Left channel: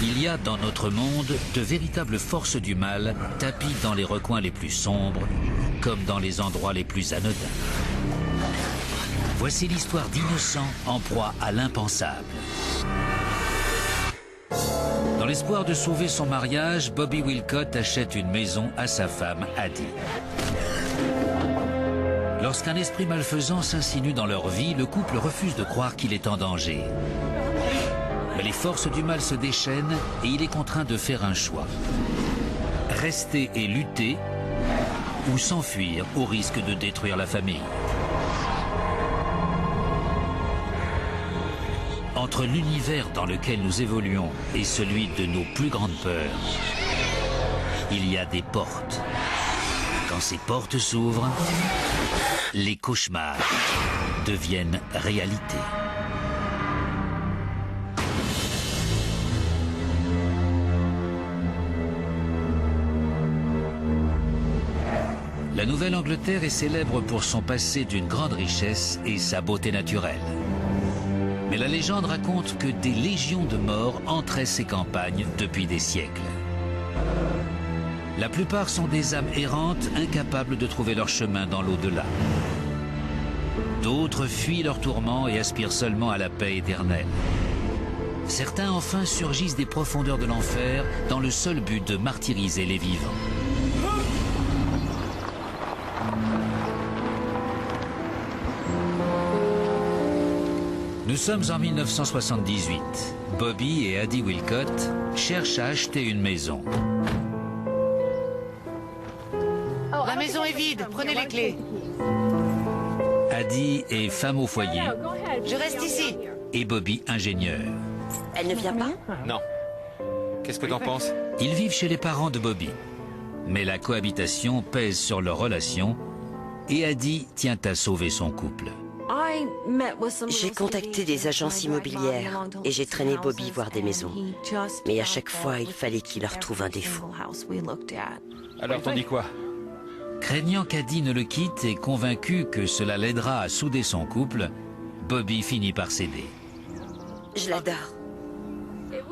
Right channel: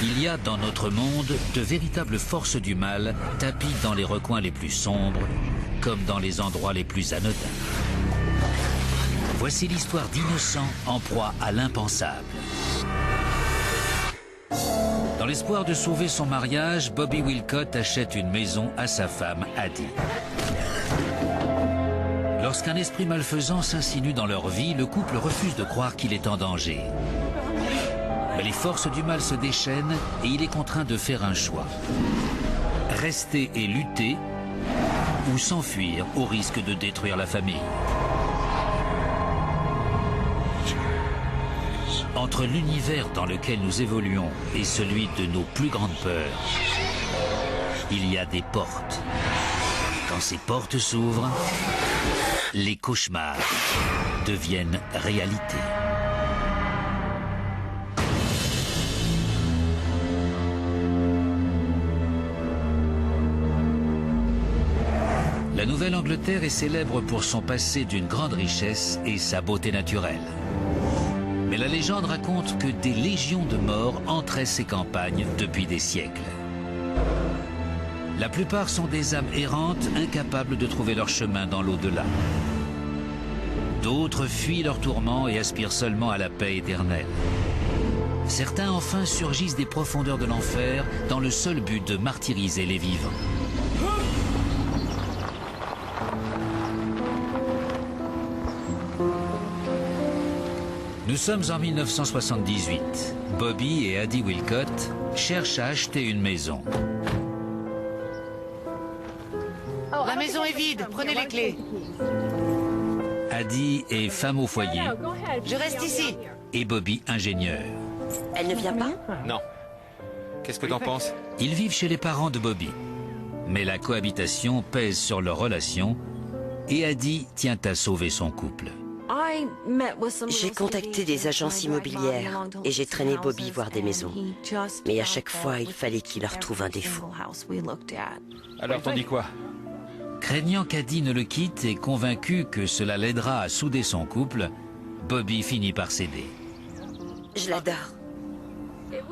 Il y a dans notre monde de véritables forces du mal tapies dans les recoins les plus sombres, comme dans les endroits les plus anodins. Voici l'histoire d'innocents en proie à l'impensable. Dans l'espoir de sauver son mariage, Bobby Wilcott achète une maison à sa femme, Addie. Lorsqu'un esprit malfaisant s'insinue dans leur vie, le couple refuse de croire qu'il est en danger. Mais les forces du mal se déchaînent et il est contraint de faire un choix. Rester et lutter ou s'enfuir au risque de détruire la famille. Entre l'univers dans lequel nous évoluons et celui de nos plus grandes peurs, il y a des portes. Quand ces portes s'ouvrent, les cauchemars deviennent réalité. La Nouvelle-Angleterre est célèbre pour son passé d'une grande richesse et sa beauté naturelle. Mais la légende raconte que des légions de morts entraient ces campagnes depuis des siècles. La plupart sont des âmes errantes, incapables de trouver leur chemin dans l'au-delà. D'autres fuient leurs tourments et aspirent seulement à la paix éternelle. Certains enfin surgissent des profondeurs de l'enfer dans le seul but de martyriser les vivants. Nous sommes en 1978. Bobby et Addie Wilcott cherchent à acheter une maison. La maison est vide, prenez les clés. Addie est femme au foyer Je reste ici. et Bobby ingénieur. Elle ne vient pas? Non. Qu'est-ce que t'en penses? Ils vivent chez les parents de Bobby. Mais la cohabitation pèse sur leur relation et Addie tient à sauver son couple. J'ai contacté des agences immobilières et j'ai traîné Bobby voir des maisons. Mais à chaque fois, il fallait qu'il leur trouve un défaut. Alors t'en dis quoi? Craignant qu'Addie ne le quitte et convaincu que cela l'aidera à souder son couple, Bobby finit par céder. Je l'adore.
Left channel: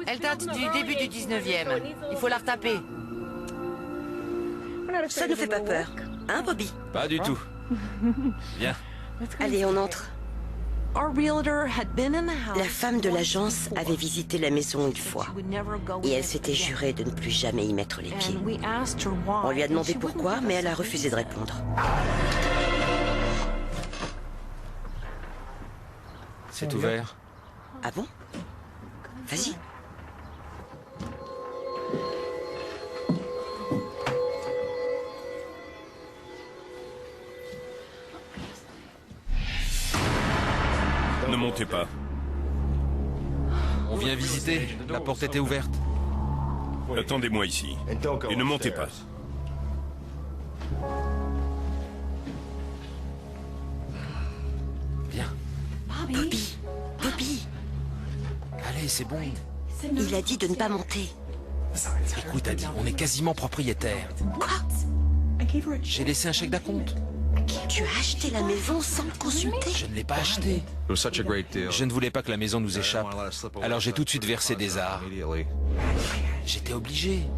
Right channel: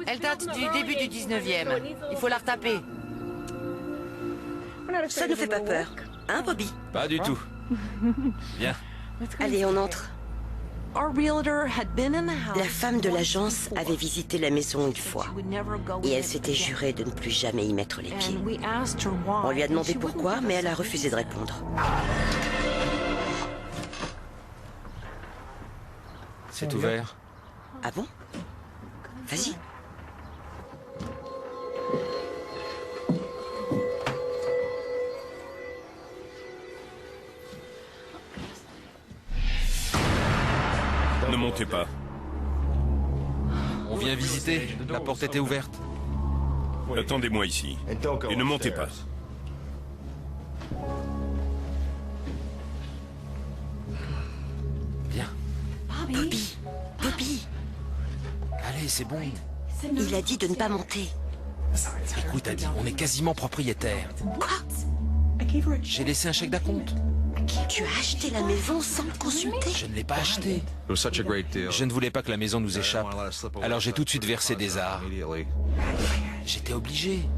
Elle date du début du 19e. Il faut la retaper. Ça ne fait pas peur. Hein, Bobby? Pas du tout. Viens. Allez, on entre. La femme de l'agence avait visité la maison une fois et elle s'était jurée de ne plus jamais y mettre les pieds. On lui a demandé pourquoi, mais elle a refusé de répondre. C'est ouvert. Ah bon? Vas-y. Ne montez pas. On vient visiter. La porte était ouverte. Attendez-moi ici. Et ne montez pas. Viens. Bobby! Bobby! Allez, c'est bon. Il a dit de ne pas monter. Écoute, Addie, on est quasiment propriétaire. Quoi? J'ai laissé un chèque d'acompte. Tu as acheté la maison sans me consulter? Je ne l'ai pas acheté. Je ne voulais pas que la maison nous échappe. Alors j'ai tout de suite versé des arts. J'étais obligé.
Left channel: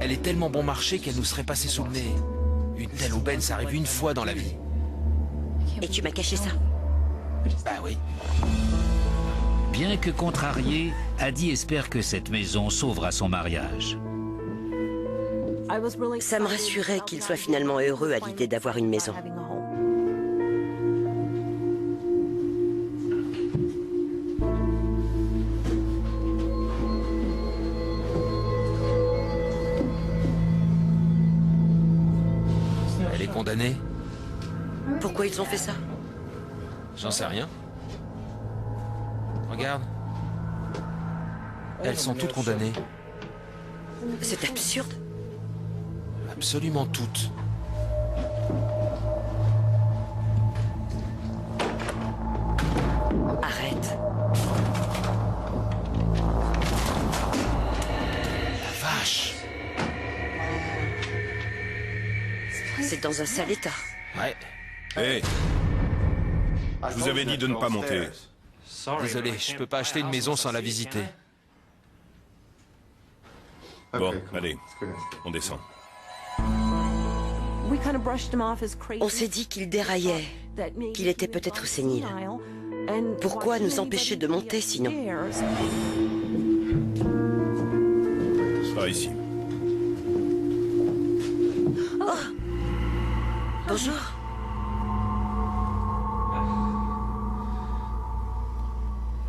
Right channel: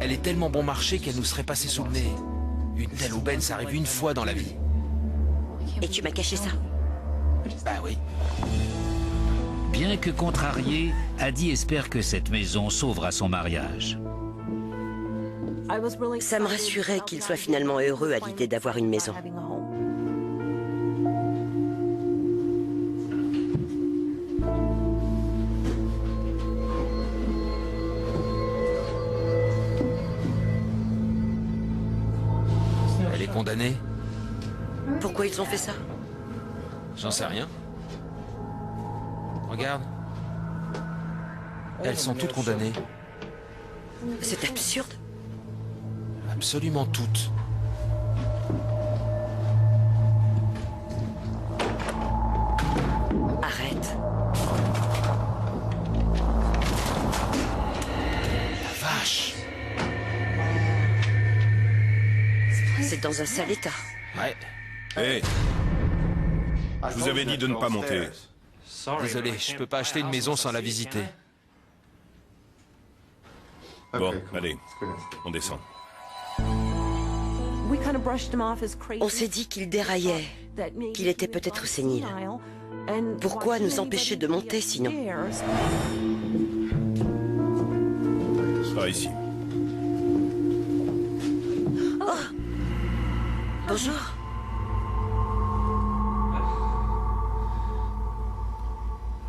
Elle est tellement bon marché qu'elle nous serait passée sous le nez. Une telle aubaine, ça arrive une fois dans la vie. Et tu m'as caché ça? Bah oui. Bien que contrarié, Addie espère que cette maison sauvera son mariage. Ça me rassurait qu'il soit finalement heureux à l'idée d'avoir une maison. Elle est condamnée? Pourquoi ils ont fait ça? J'en sais rien. Regarde. Elles sont toutes condamnées. C'est absurde. Absolument toutes. Arrête. La vache. C'est dans un sale état. Ouais. Hé! Je vous avais dit de ne pas monter. Désolé, je peux pas acheter une maison sans la visiter. Bon, allez, on descend. On s'est dit qu'il déraillait, qu'il était peut-être sénile. Pourquoi nous empêcher de monter sinon? Par ici. Bonjour.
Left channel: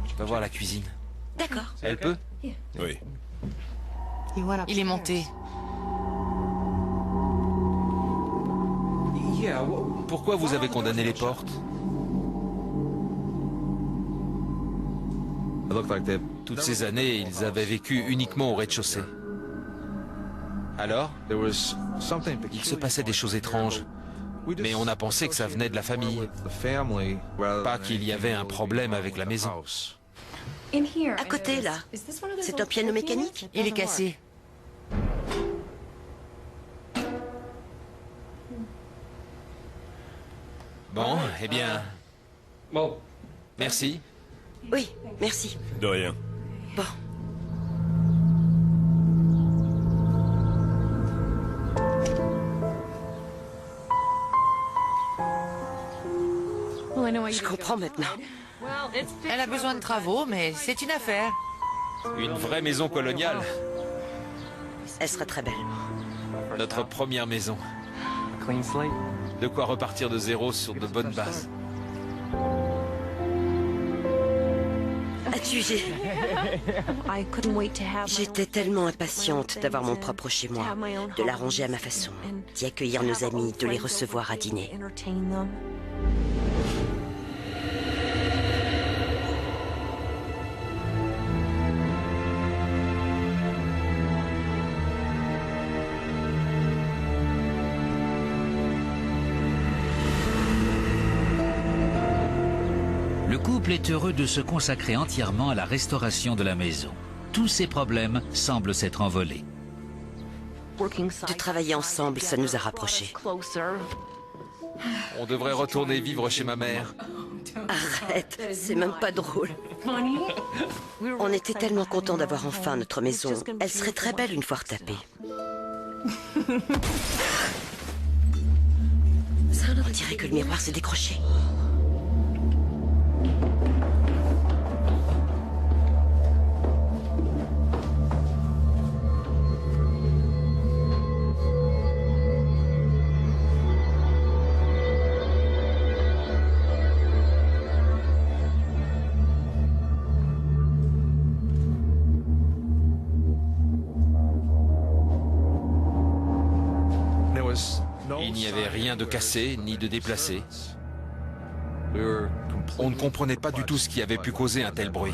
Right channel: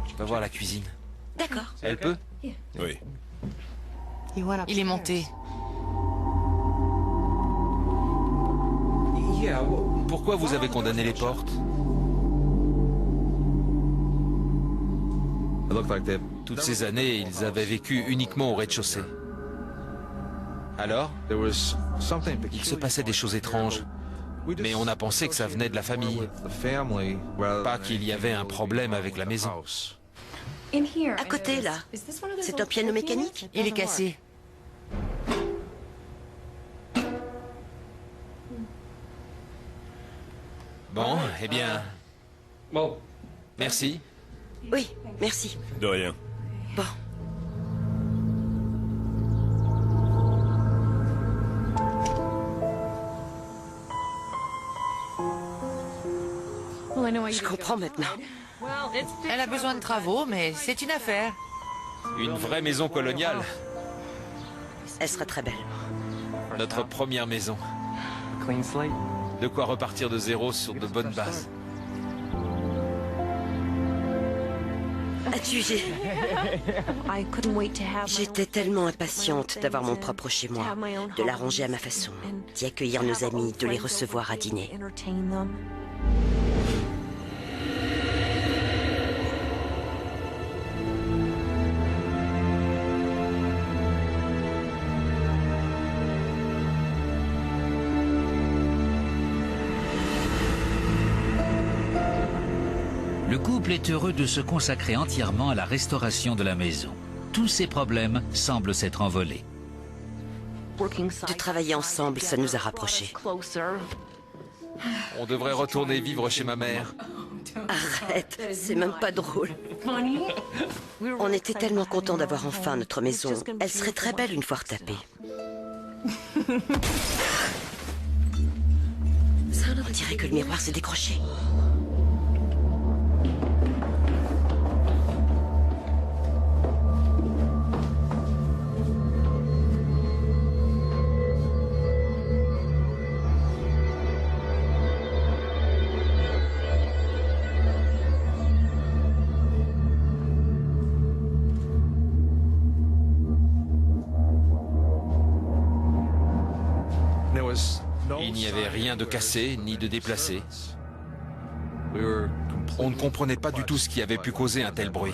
Je peux voir la cuisine. D'accord. Elle peut? Oui. Il est monté. Pourquoi vous avez condamné les portes? Toutes ces années, ils avaient vécu uniquement au rez-de-chaussée. Alors, il se passait des choses étranges. Mais on a pensé que ça venait de la famille. Pas qu'il y avait un problème avec la maison. À côté, là, c'est un piano mécanique? Il est cassé. Bon, eh bien... Merci. Oui, merci. De rien. Bon. Je comprends maintenant. Elle a besoin de travaux, mais c'est une affaire. Une vraie maison coloniale. Elle sera très belle. Notre première maison. De quoi repartir de zéro sur de bonnes bases. As-tu... J'étais tellement impatiente d'avoir mon propre chez moi, de l'arranger à ma façon, d'y accueillir nos amis, de les recevoir à dîner. Le couple est heureux de se consacrer entièrement à la restauration de la maison. Tous ses problèmes semblent s'être envolés. De travailler ensemble, ça nous a rapprochés. On devrait retourner vivre chez ma mère. Arrête, c'est même pas drôle. On était tellement contents d'avoir enfin notre maison. Elle serait très belle une fois retapée. On dirait que le miroir s'est décroché. Il n'y avait rien de cassé, ni de déplacé. On ne comprenait pas du tout ce qui avait pu causer un tel bruit.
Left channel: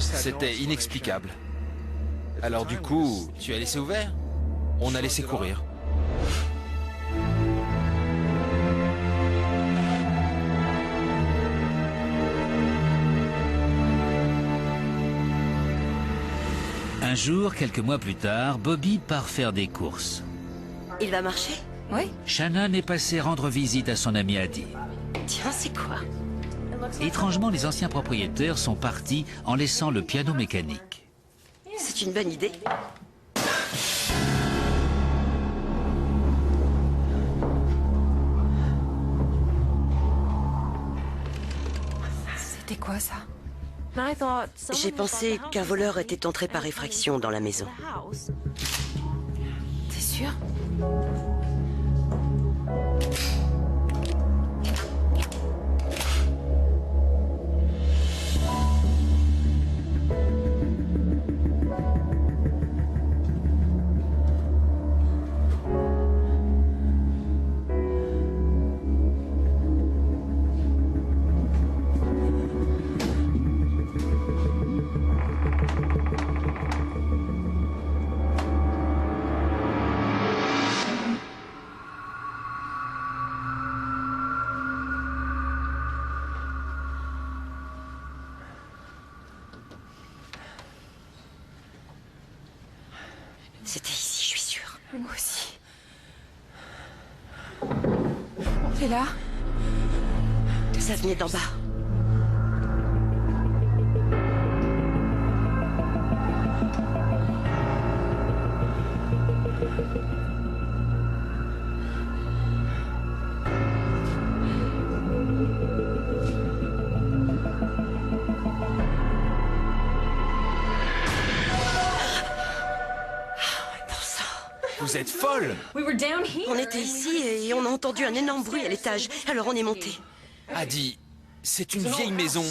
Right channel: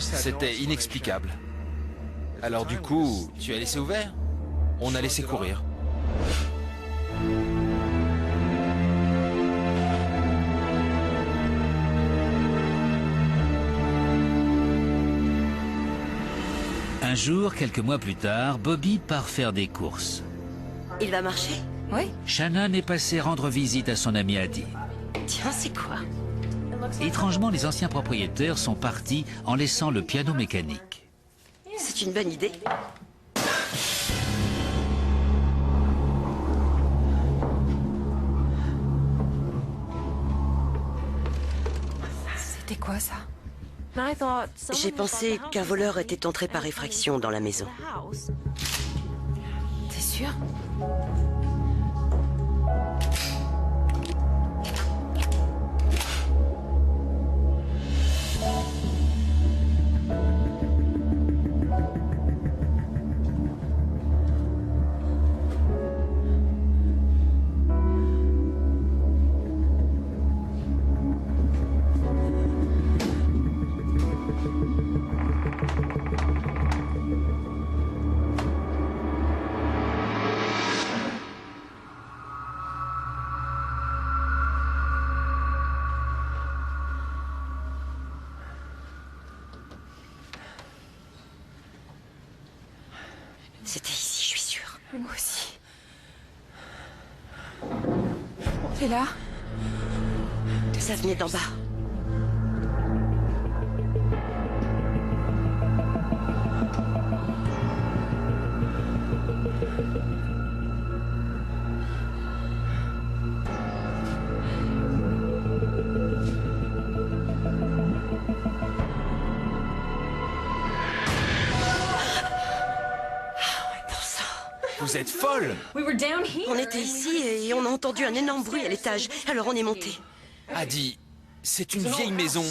C'était inexplicable. Alors du coup, tu as laissé ouvert? On a laissé courir. Un jour, quelques mois plus tard, Bobby part faire des courses. Il va marcher? Oui. Shannon est passée rendre visite à son ami Addie. Tiens, c'est quoi? Étrangement, les anciens propriétaires sont partis en laissant le piano mécanique. C'est une bonne idée. C'était quoi ça? J'ai pensé qu'un voleur était entré par effraction dans la maison. T'es sûr? C'était ici, je suis sûre. Moi aussi. Et là? Ça venait d'en bas. Vous êtes folle! On était ici et on a entendu un énorme bruit à l'étage. Alors on est monté. Adi, c'est une vieille maison.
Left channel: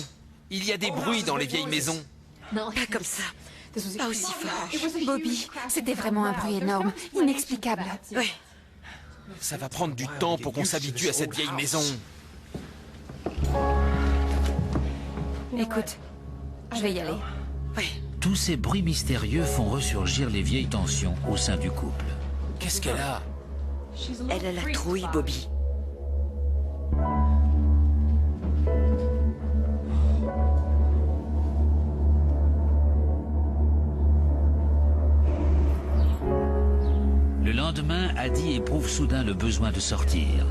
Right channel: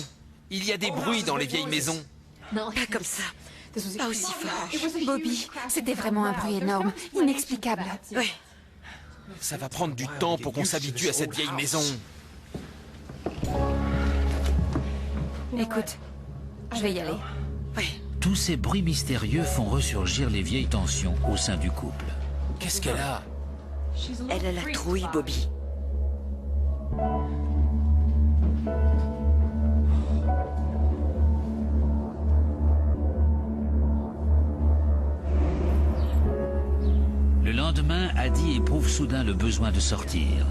Il y a des bruits dans les vieilles maisons. Pas comme ça. Pas aussi fort. Bobby, c'était vraiment un bruit énorme, inexplicable. Ouais. Ça va prendre du temps pour qu'on s'habitue à cette vieille maison. Écoute, je vais y aller. Ouais. Tous ces bruits mystérieux font ressurgir les vieilles tensions au sein du couple. Qu'est-ce qu'elle a? Elle a la trouille, Bobby. Le lendemain, Adi éprouve soudain le besoin de sortir.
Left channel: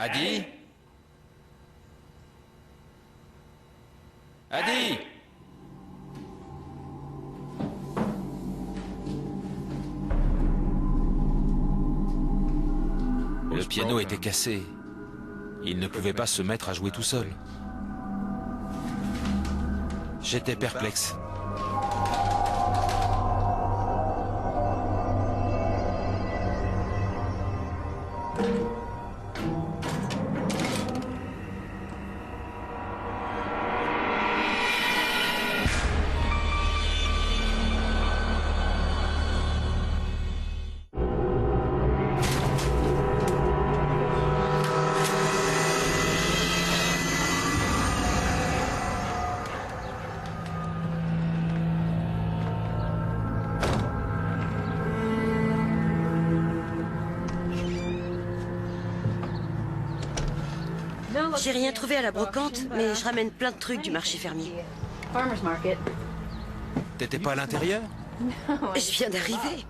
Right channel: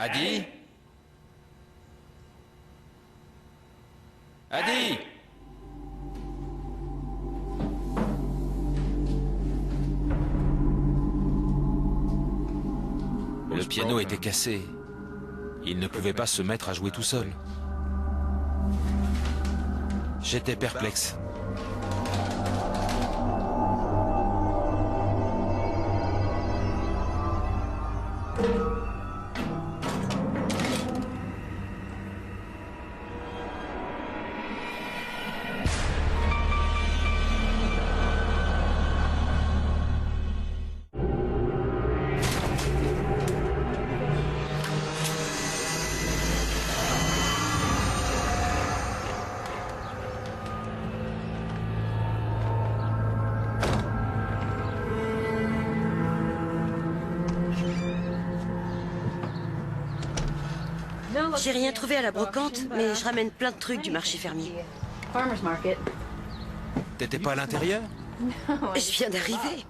Adi? Adi? Le piano était cassé. Il ne pouvait pas se mettre à jouer tout seul. J'étais perplexe. J'ai rien trouvé à la brocante, mais je ramène plein de trucs du marché fermier. T'étais pas à l'intérieur? Je viens d'arriver.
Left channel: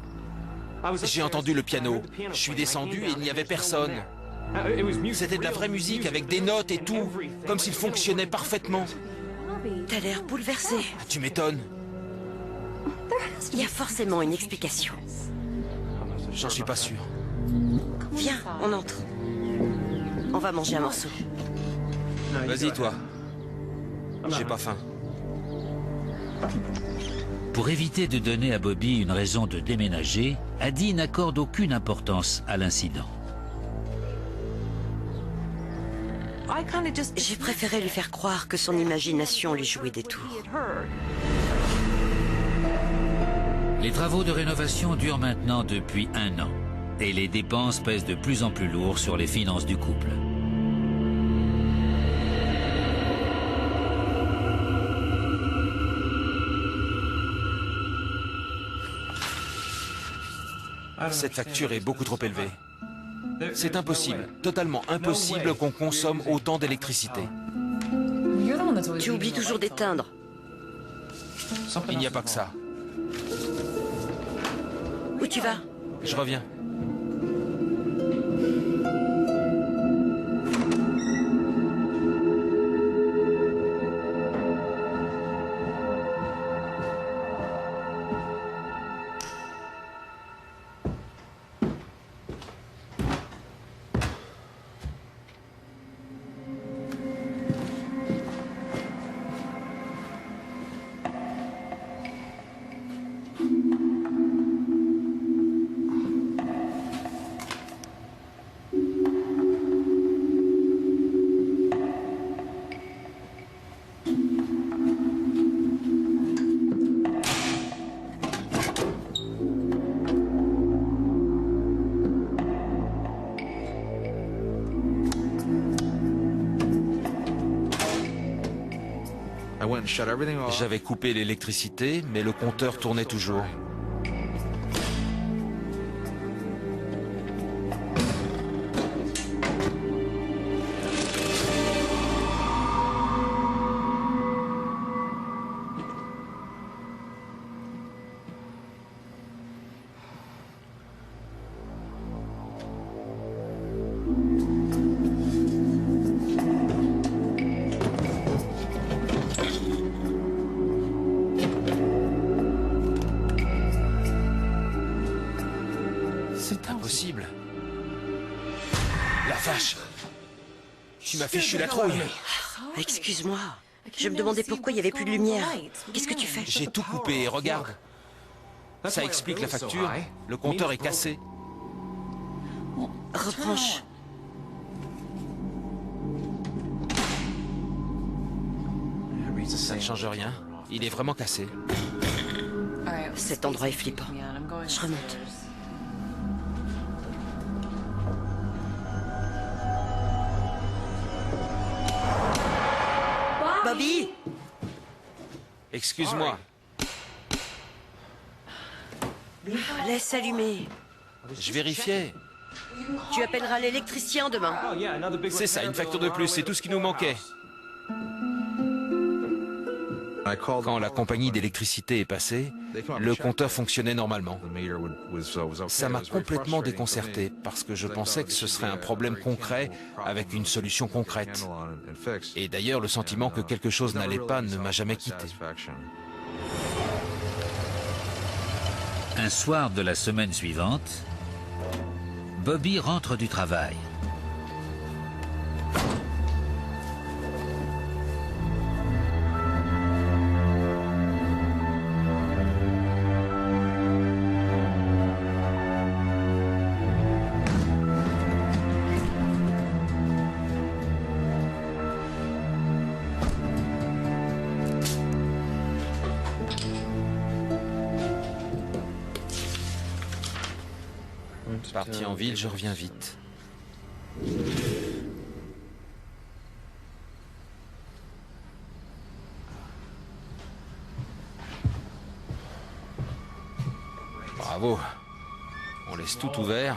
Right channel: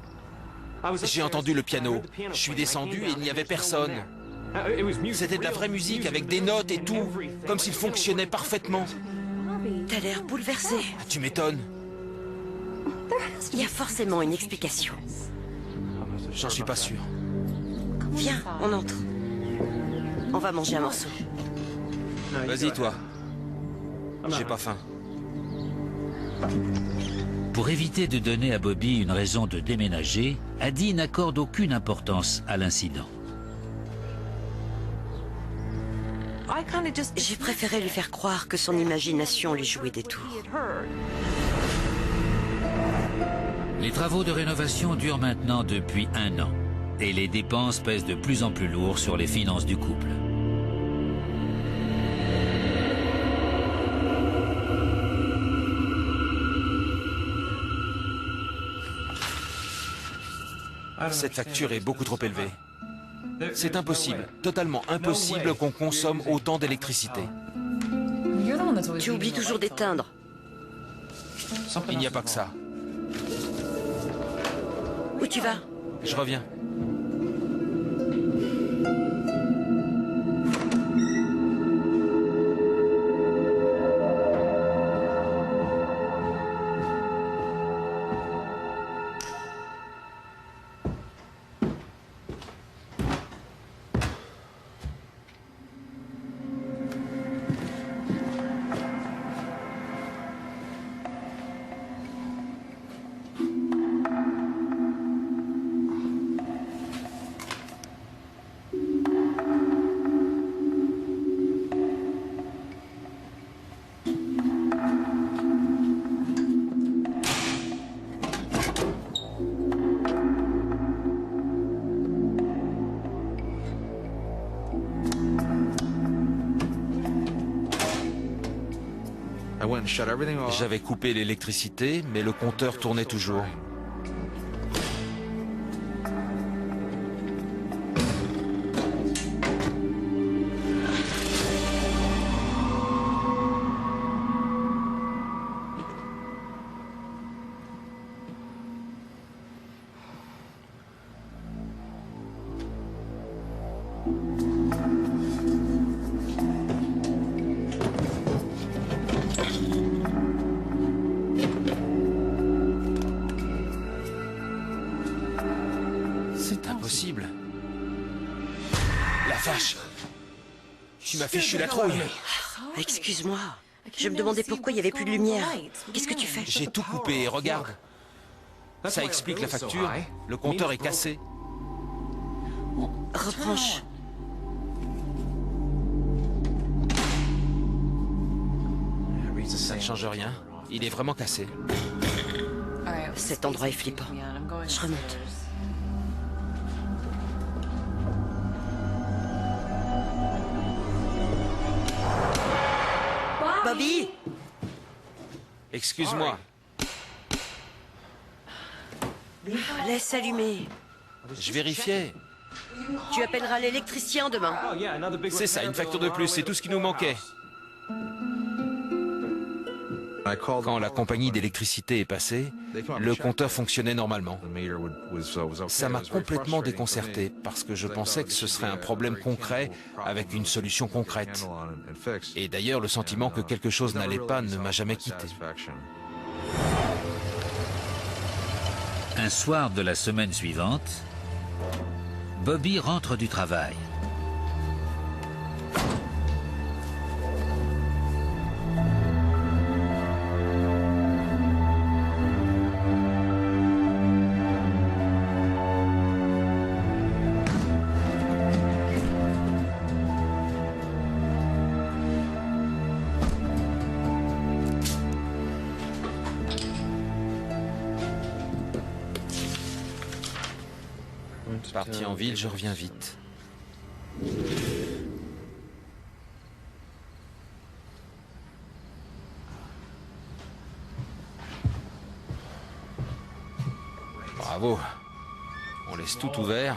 J'ai entendu le piano. Je suis descendu et il n'y avait personne. C'était de la vraie musique avec des notes et tout, comme s'il fonctionnait parfaitement. T'as l'air bouleversé. Ah, tu m'étonnes. Il y a forcément une explication. J'en suis pas sûr. Viens, on entre. On va manger un morceau. Vas-y, toi. J'ai pas faim. Pour éviter de donner à Bobby une raison de déménager, Adi n'accorde aucune importance à l'incident. J'ai préféré lui faire croire que son imagination lui jouait des tours. Les travaux de rénovation durent maintenant depuis 1 an et les dépenses pèsent de plus en plus lourd sur les finances du couple. Cette facture est beaucoup trop élevée. C'est impossible, totalement impossible qu'on consomme autant d'électricité. Tu oublies toujours d'éteindre. Il n'y a pas que ça. Où tu vas? Je reviens. J'avais coupé l'électricité, mais le compteur tournait toujours. C'est impossible. La vache! Tu m'as fichu la trouille. Excuse-moi. Je me demandais pourquoi il n'y avait plus de lumière. Qu'est-ce que tu fais? J'ai tout coupé et regarde. Ça explique la facture. Le compteur est cassé. Rebranche. Ça ne change rien. Il est vraiment cassé. Cet endroit est flippant. Je remonte. Bobby! Excuse-moi. Laisse allumer. Je vérifiais. Tu appelleras l'électricien demain. C'est ça, une facture de plus. C'est tout ce qui nous manquait. Quand la compagnie d'électricité est passée, le compteur fonctionnait normalement. Ça m'a complètement déconcerté parce que je pensais que ce serait un problème concret avec une solution concrète. Et d'ailleurs, le sentiment que quelque chose n'allait pas ne m'a jamais quitté. Un soir de la semaine suivante, Bobby rentre du travail. Parti en ville, je reviens vite. Bravo. On laisse tout ouvert.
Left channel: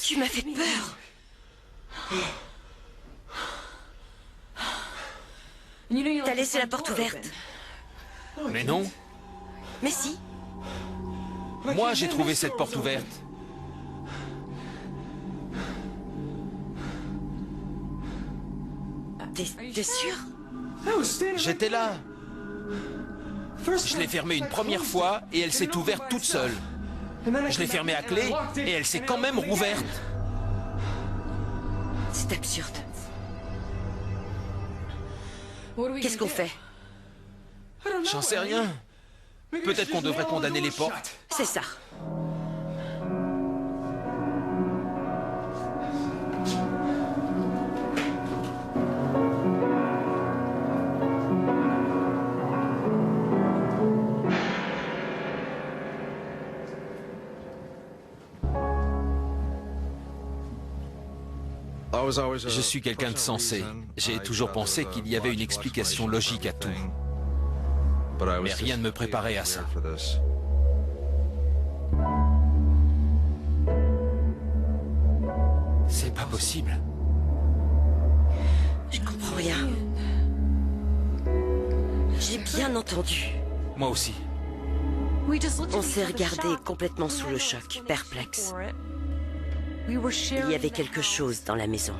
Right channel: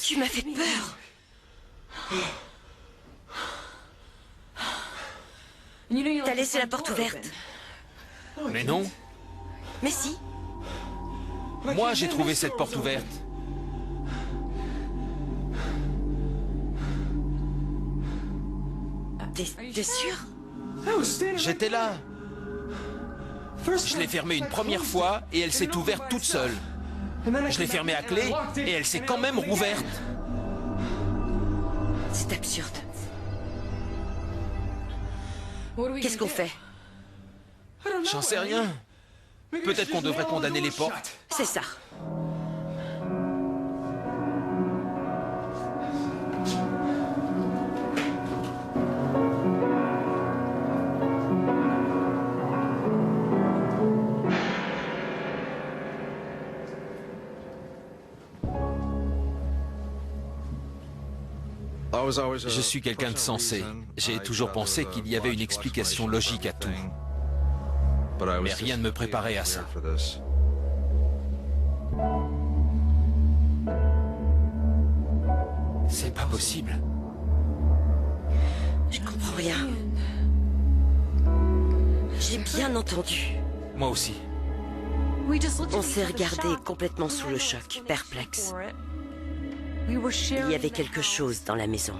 Tu m'as fait peur. T'as laissé la porte ouverte. Mais non. Mais si. Moi, j'ai trouvé cette porte ouverte. T'es sûr? J'étais là. Je l'ai fermée une première fois et elle s'est ouverte toute seule. Je l'ai fermée à clé et elle s'est quand même rouverte. C'est absurde. Qu'est-ce qu'on fait? J'en sais rien. Peut-être qu'on devrait condamner les portes. C'est ça. Je suis quelqu'un de sensé. J'ai toujours pensé qu'il y avait une explication logique à tout. Mais rien ne me préparait à ça. C'est pas possible. Je comprends rien. J'ai bien entendu. Moi aussi. On s'est regardé complètement sous le choc, perplexe. Il y avait quelque chose dans la maison.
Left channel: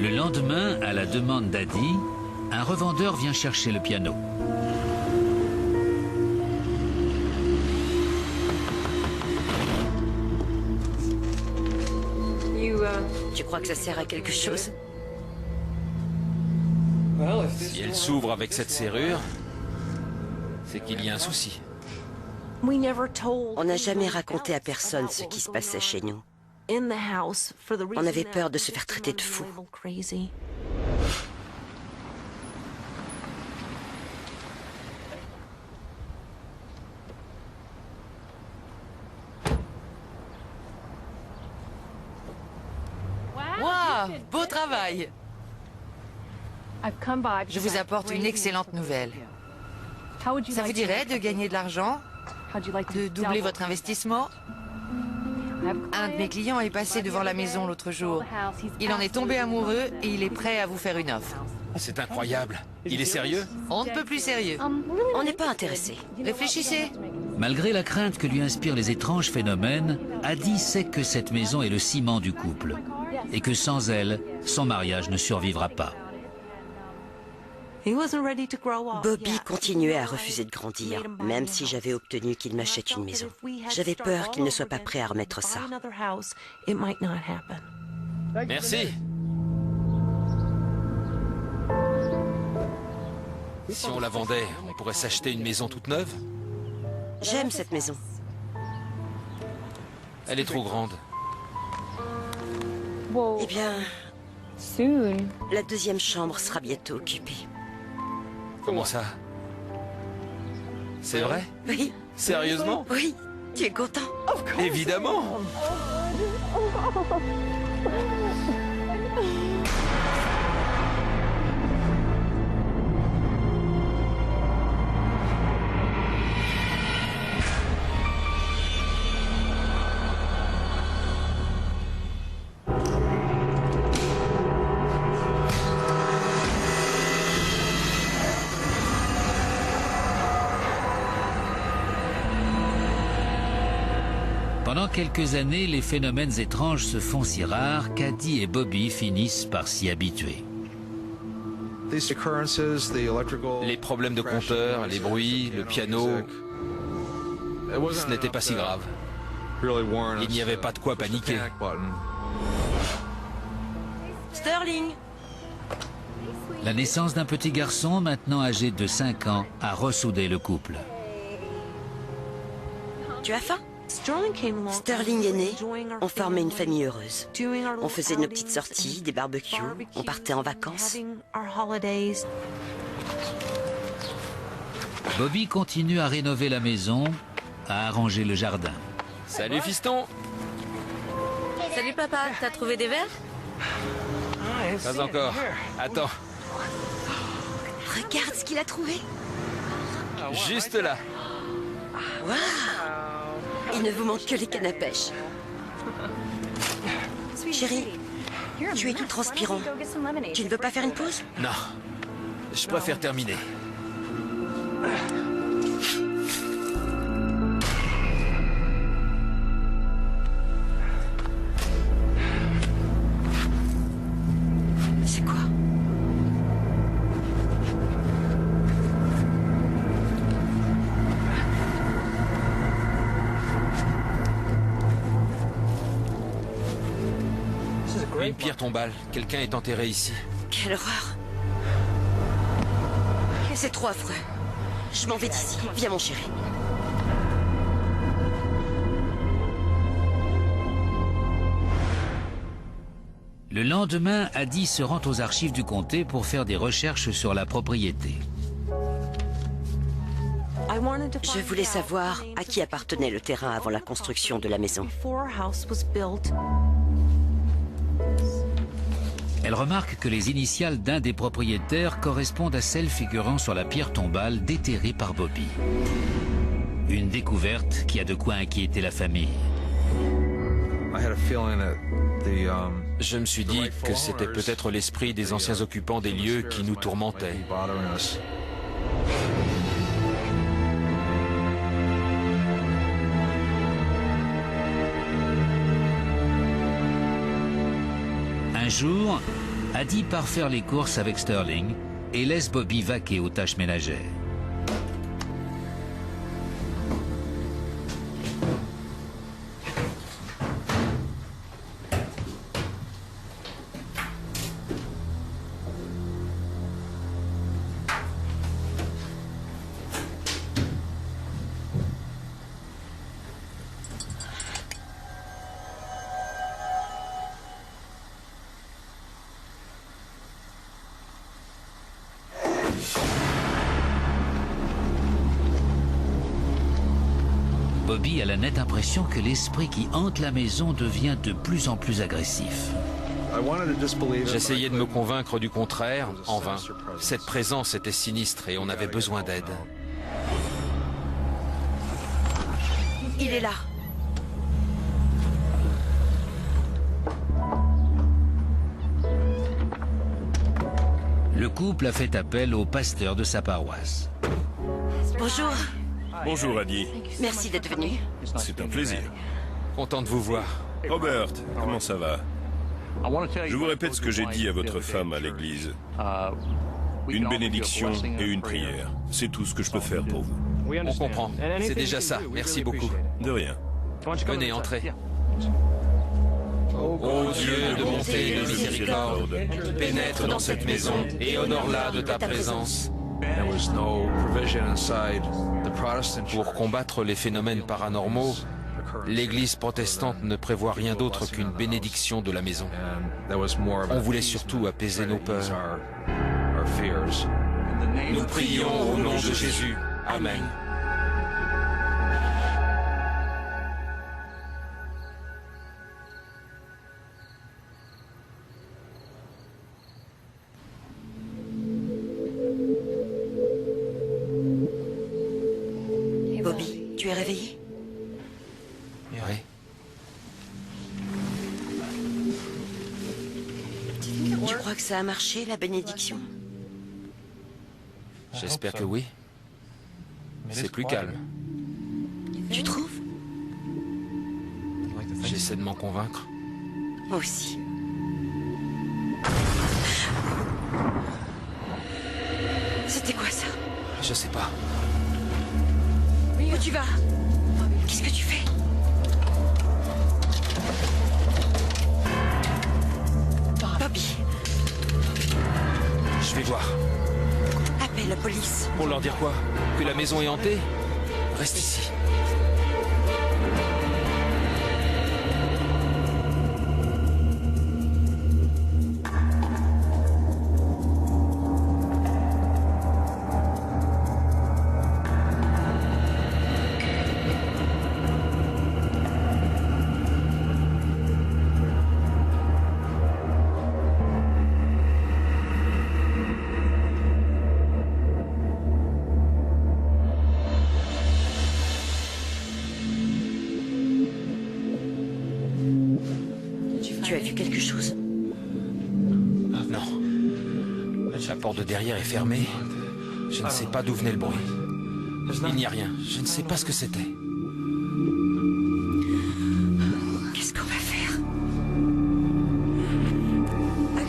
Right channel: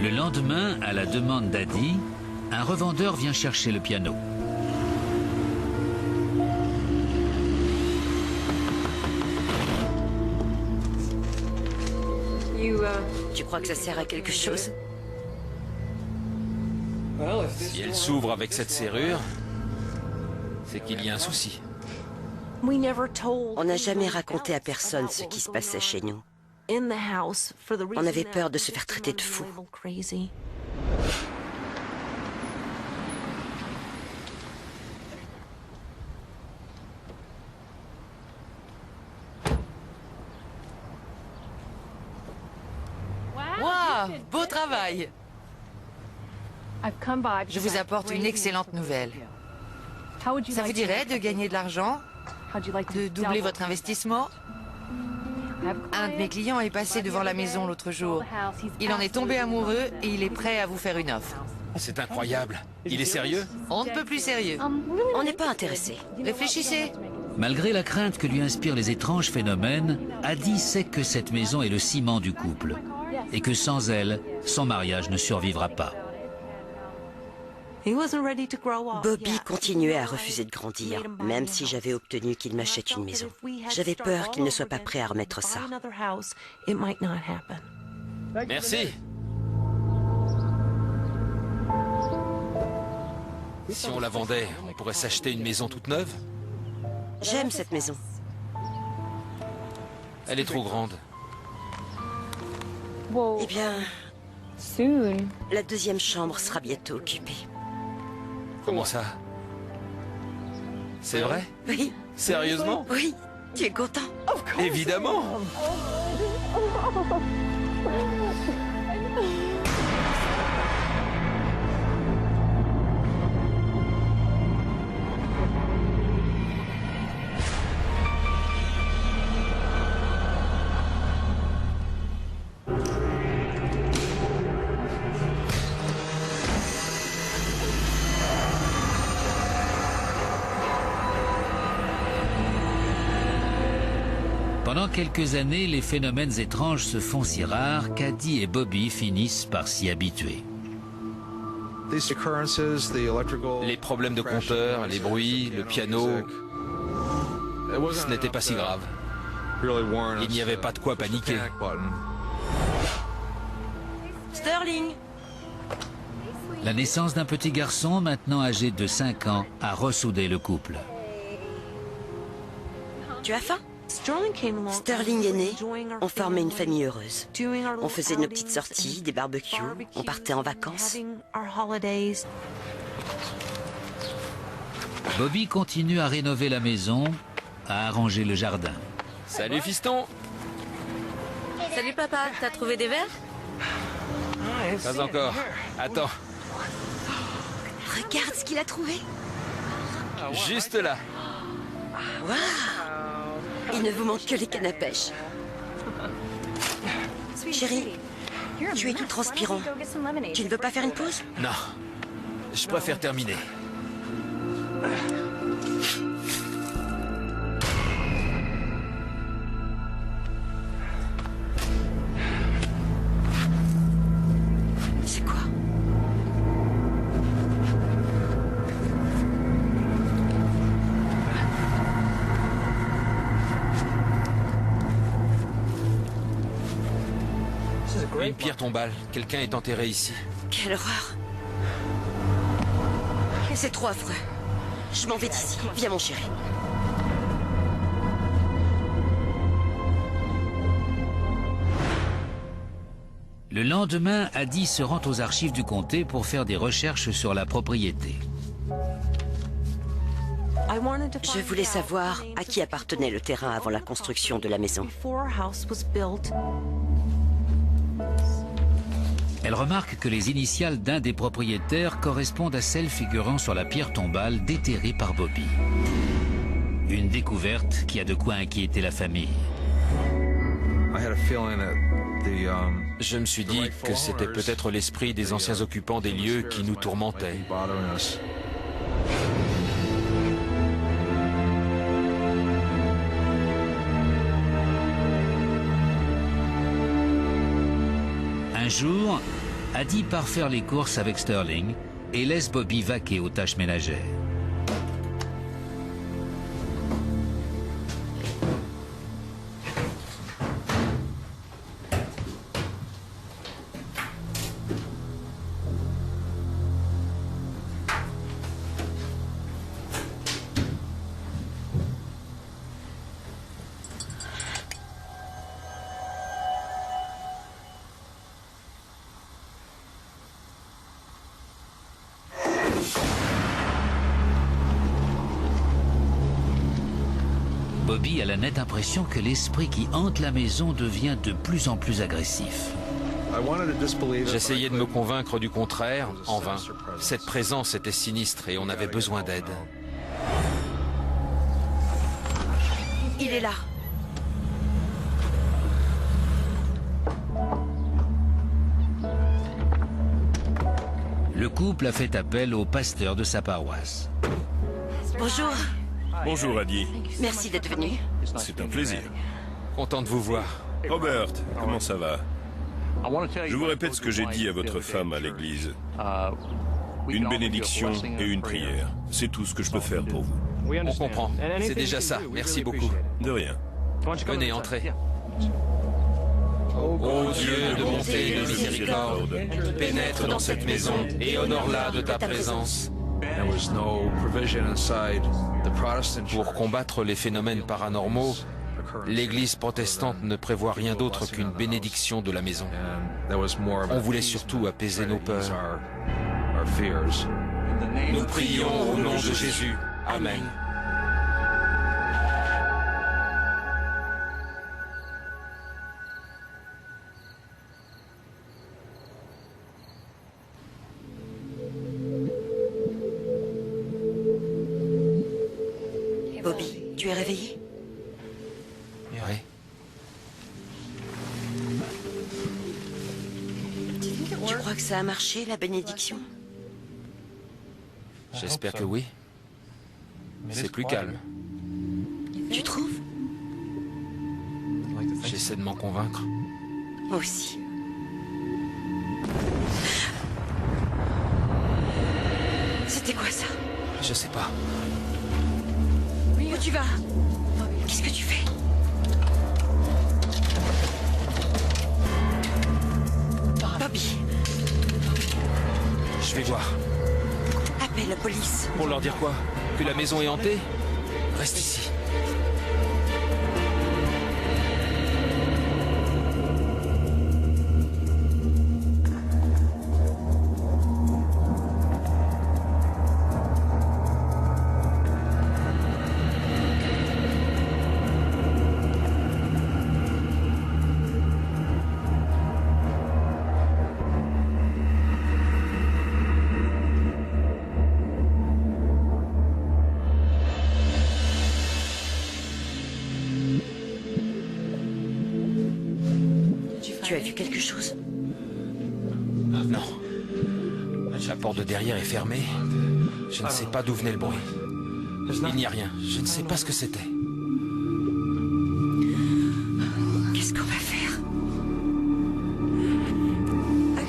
Le lendemain, à la demande d'Adi, un revendeur vient chercher le piano. Tu crois que ça sert à quelque chose? Si elle s'ouvre avec cette serrure, c'est qu'il y a un souci. On n'a jamais raconté à personne ce qui se passait chez nous. On avait peur de se faire traiter de fou. Waouh, beau travail. Je vous apporte une excellente nouvelle. Ça vous dirait de gagner de l'argent? De doubler votre investissement? Un de mes clients est passé devant la maison l'autre jour. Il en est tombé amoureux et il est prêt à vous faire une offre. C'est incroyable. Il est sérieux? On ne peut plus sérieux. On n'est pas intéressé. Réfléchissez. Malgré la crainte que lui inspirent les étranges phénomènes, Addie sait que cette maison est le ciment du couple et que sans elle, son mariage ne survivra pas. Bobby continuait à refuser de grandir, même si j'avais obtenu qu'il m'achète une maison. J'avais peur qu'il ne soit pas prêt à remettre ça. Merci. Si on la vendait, on pourrait s'acheter une maison toute neuve? J'aime cette maison. Elle est trop grande. Eh bien, la deuxième chambre sera bientôt occupée. Comment ça? C'est vrai? Oui, Sérieusement? oui, tu es content? Évidemment! Pendant quelques années, les phénomènes étranges se font si rares qu'Addie et Bobby finissent par s'y habituer. Les problèmes de compteur, les bruits, le piano, ce n'était pas si grave. Il n'y avait pas de quoi paniquer. Sterling! La naissance d'un petit garçon, maintenant âgé de 5 ans, a ressoudé le couple. Tu as faim? Sterling est né, on formait une famille heureuse. On faisait nos petites sorties, des barbecues, on partait en vacances. Bobby continue à rénover la maison, à arranger le jardin. Salut fiston! Salut papa, t'as trouvé des verres? Pas encore. Attends, Regarde ce qu'il a trouvé. juste là. Waouh! Il ne vous manque que les cannes à pêche. Chérie, tu es tout transpirant. Tu ne veux pas faire une pause? Non, je préfère terminer. C'est quoi? Une pierre tombale. Quelqu'un est enterré ici. Quelle horreur! C'est trop affreux. Je m'en vais d'ici. Viens mon chéri. Le lendemain, Addie se rend aux archives du comté pour faire des recherches sur la propriété. Je voulais savoir à qui appartenait le terrain avant la construction de la maison. Elle remarque que les initiales d'un des propriétaires correspondent à celles figurant sur la pierre tombale déterrée par Bobby. Une découverte qui a de quoi inquiéter la famille. Je me suis dit que c'était peut-être l'esprit des anciens occupants des lieux qui nous tourmentait. Un jour, Addie part faire les courses avec Sterling et laisse Bobby vaquer aux tâches ménagères. Bobby a la nette impression que l'esprit qui hante la maison devient de plus en plus agressif. J'essayais de me convaincre du contraire, en vain. Cette présence était sinistre et on avait besoin d'aide. Il est là. Le couple a fait appel au pasteur de sa paroisse. Bonjour. Bonjour, Addie. Merci d'être venu. C'est un plaisir. Content de vous voir. Robert, comment ça va? Je vous répète ce que j'ai dit à votre femme à l'église. Une bénédiction et une prière. C'est tout ce que je peux faire pour vous. On comprend. C'est déjà ça. Merci beaucoup. De rien. Venez, entrez. Ô Dieu de bonté et de miséricorde, pénètre dans cette maison et honore-la de ta présence. Pour combattre les phénomènes paranormaux, l'Église protestante ne prévoit rien d'autre qu'une bénédiction de la maison. On voulait surtout apaiser nos peurs. Nous prions au nom de Jésus. Amen. Bobby, tu es réveillé? Oui. Tu crois que ça a marché, la bénédiction? J'espère que oui. C'est plus calme. Tu trouves? J'essaie de m'en convaincre. Moi aussi. C'était quoi ça? Je sais pas. Où tu vas? Qu'est-ce que tu fais? Bobby, Je vais voir. appelle la police. Pour leur dire quoi? Que la maison est hantée? Reste ici. Tu as vu quelque chose? Non. La porte de derrière est fermée. Je ne sais pas d'où venait le bruit. Il n'y a rien. Je ne sais pas ce que c'était. Qu'est-ce qu'on va faire?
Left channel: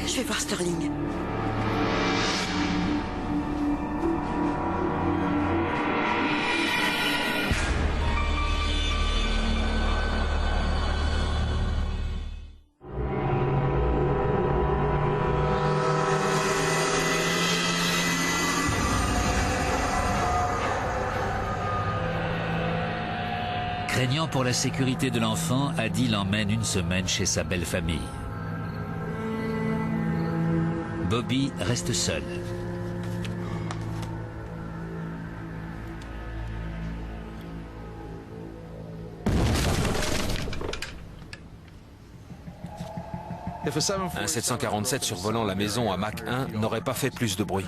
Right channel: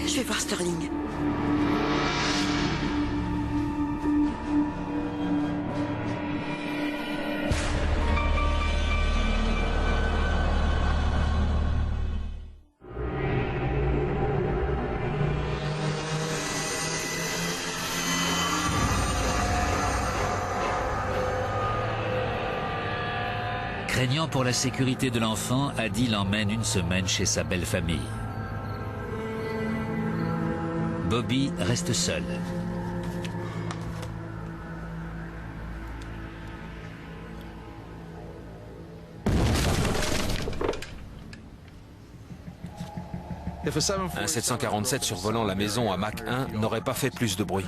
Je vais voir Sterling. Craignant pour la sécurité de l'enfant, Addie l'emmène une semaine chez sa belle famille. Bobby reste seul. Un 747 survolant la maison à Mach 1 n'aurait pas fait plus de bruit.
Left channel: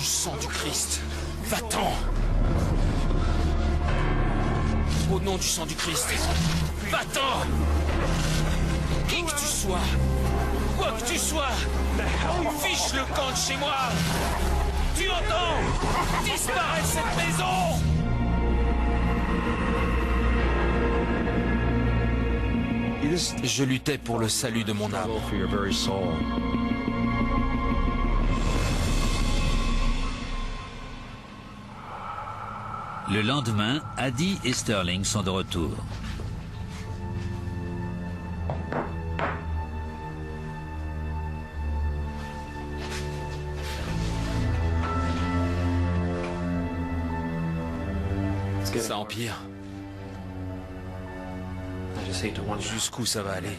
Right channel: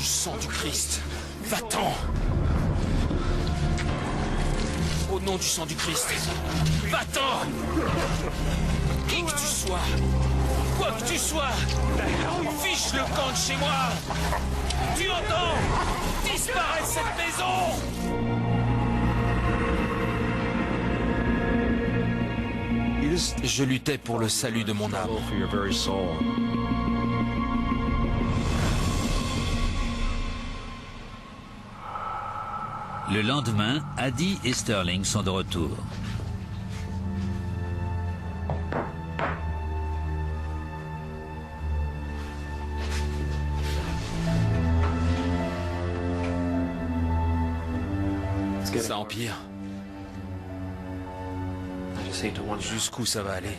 du sang du Christ, va-t'en! Au nom du sang du Christ, va-t'en! Qui que tu sois, quoi que tu sois, fiche le camp de chez moi! Tu entends? Disparaît de cette maison! Je luttais pour le salut de mon âme. Le lendemain, Addie et Sterling sont de retour. Ça empire. Jusqu'où ça va aller?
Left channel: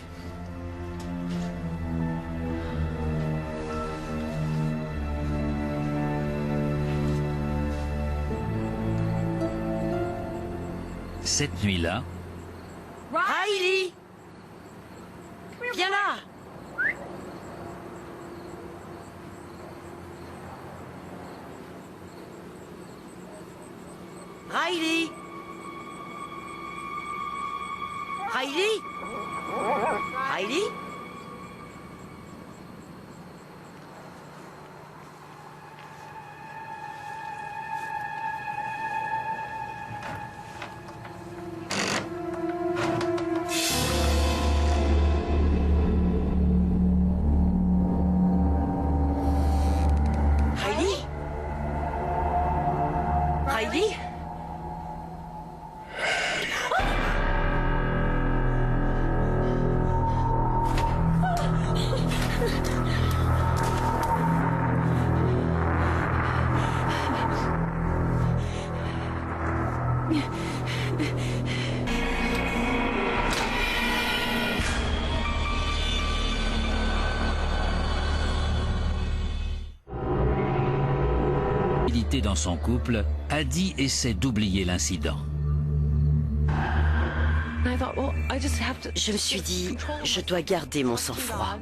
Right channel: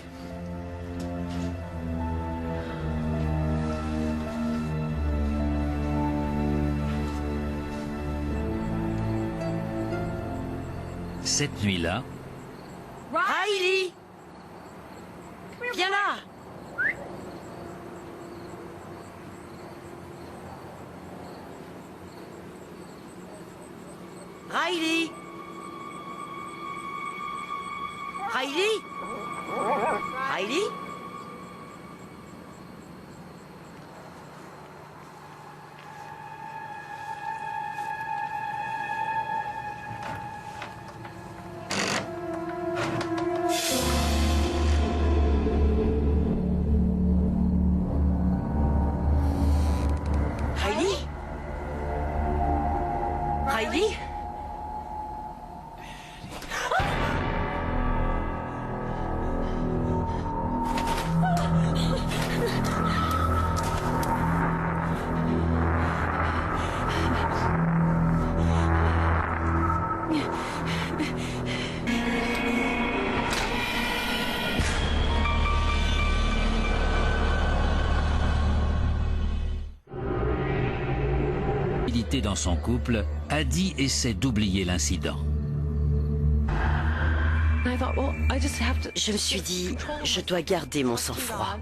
Cette nuit-là, Riley! Viens là! Riley! Riley? Riley? Riley? Riley? dans son couple, Addie essaie d'oublier l'incident. Je me suis dit, je dois garder mon sang-froid.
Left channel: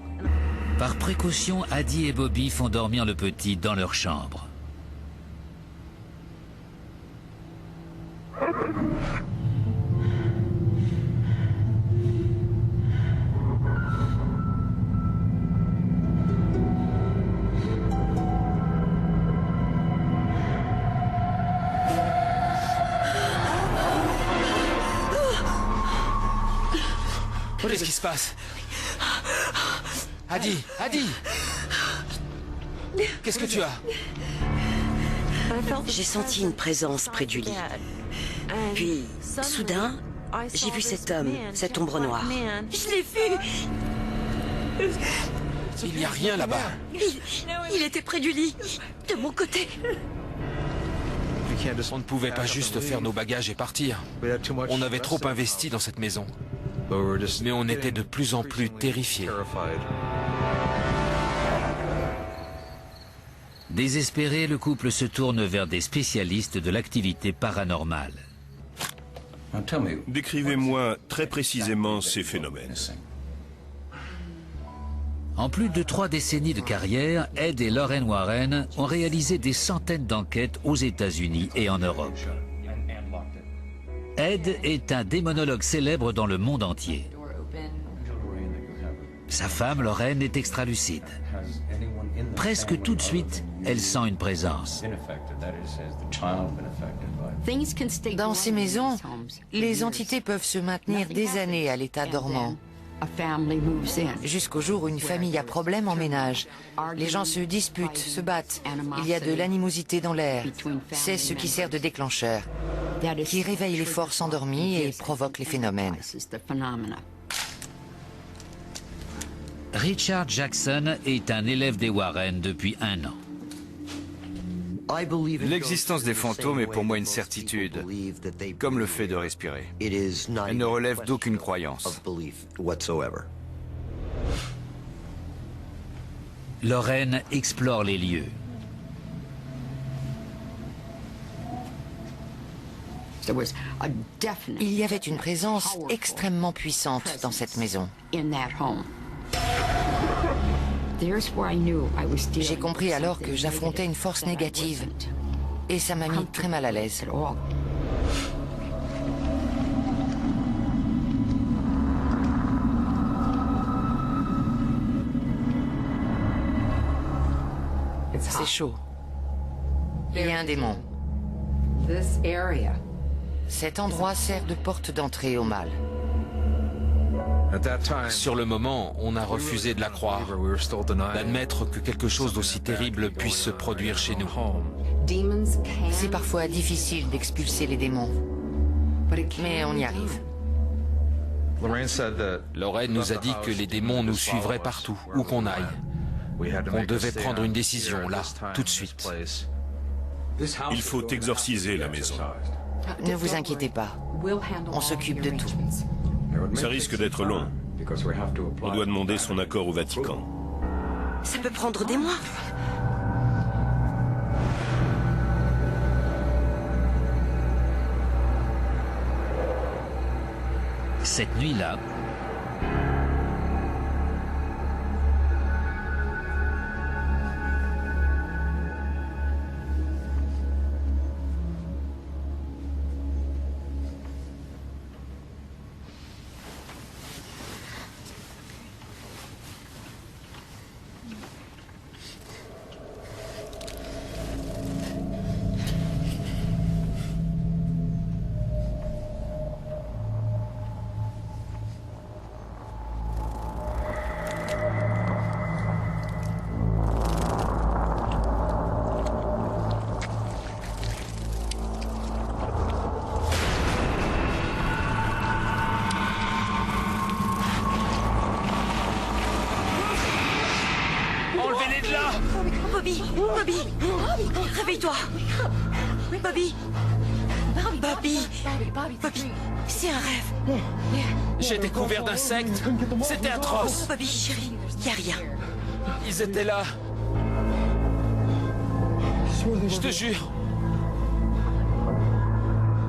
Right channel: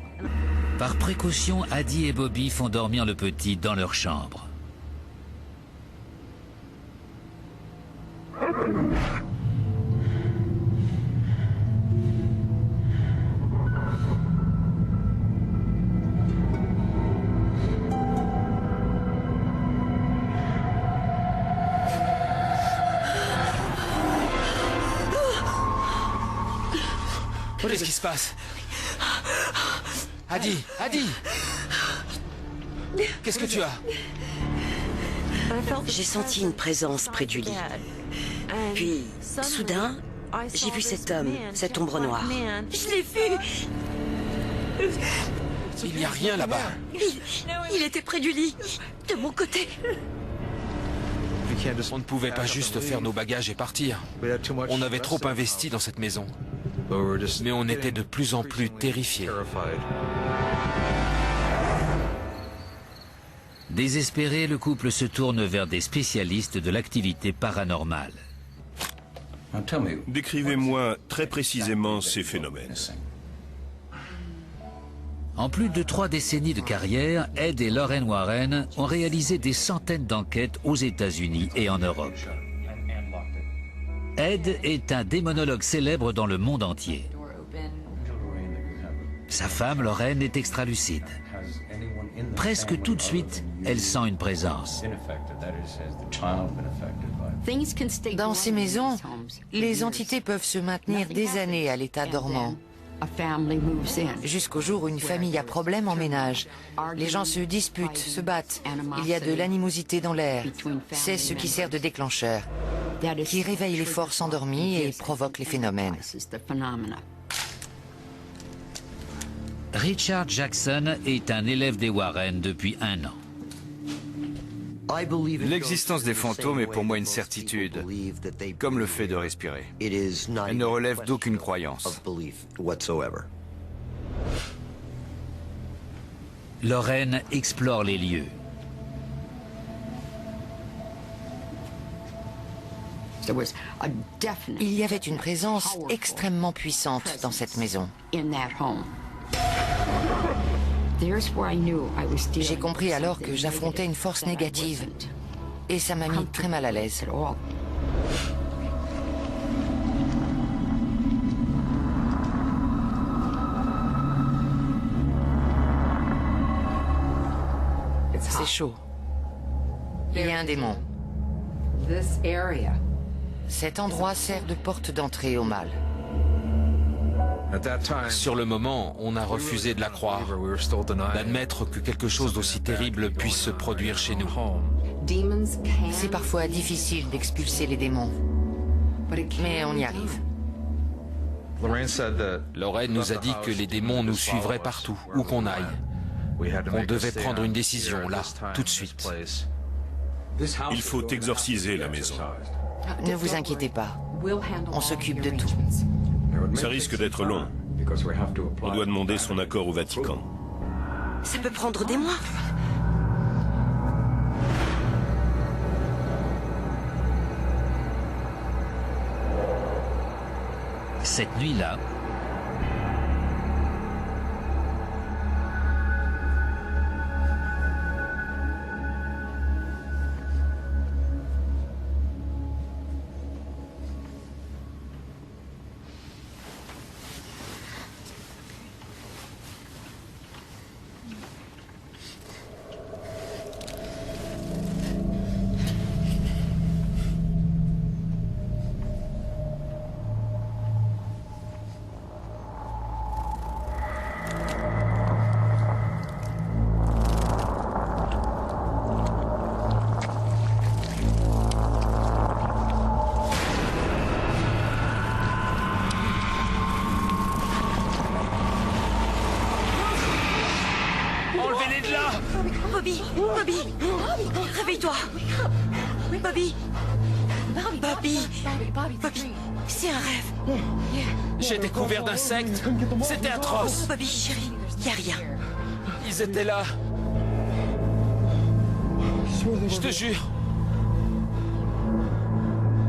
Par précaution, Addie et Bobby font dormir le petit dans leur chambre. Qu'est-ce qui se passe? Addie, Addie! Qu'est-ce que tu as? J'ai senti une présence près du lit. Puis, soudain, j'ai vu cet homme, cette ombre noire. Je l'ai vu! Il n'y a rien là-bas. Il était près du lit, de mon côté. On ne pouvait pas juste faire nos bagages et partir. On avait trop investi dans cette maison. Mais on était de plus en plus terrifiés. Désespéré, le couple se tourne vers des spécialistes de l'activité paranormale. Décrivez-moi très précisément ces phénomènes. En plus de 3 décennies de carrière, Ed et Lorraine Warren ont réalisé des centaines d'enquêtes aux États-Unis et en Europe. Ed est un démonologue célèbre dans le monde entier. Sa femme, Lorraine, est extralucide. Presque tout de suite, elle sent une présence. Dans ces maisons, les entités peuvent se maintenir des années à l'état dormant. Jusqu'au jour où une famille a problème en ménage. Les gens se disputent, se battent. Il y a de l'animosité dans l'air. C'est ce qui sert de déclencheur, qui réveille les forces endormies et provoque les phénomènes. Richard Jackson est un élève des Warren depuis 1 an. L'existence des fantômes est pour moi une certitude, comme le fait de respirer. Elle ne relève d'aucune croyance. Lorraine explore les lieux. Il y avait une présence extrêmement puissante dans cette maison. J'ai compris alors que j'affrontais une force négative. Et ça m'a mis très mal à l'aise. C'est chaud. Il y a un démon. Cet endroit sert de porte d'entrée au mal. Sur le moment, on a refusé de la croire, d'admettre que quelque chose d'aussi terrible puisse se produire chez nous. C'est parfois difficile d'expulser les démons, mais on y arrive. Lorraine nous a dit que les démons nous suivraient partout, où qu'on aille. On devait prendre une décision, là, tout de suite. Il faut exorciser la maison. Ne vous inquiétez pas, on s'occupe de tout. Ça risque d'être long. On doit demander son accord au Vatican. Ça peut prendre des mois. Cette nuit-là, Enlevez-les de là! Bobby! Bobby! Réveille-toi! Bobby! Bobby! Bobby! C'est un rêve! J'étais couvert d'insectes! C'était atroce! Bobby, chérie, y a rien. Ils étaient là! Je te jure!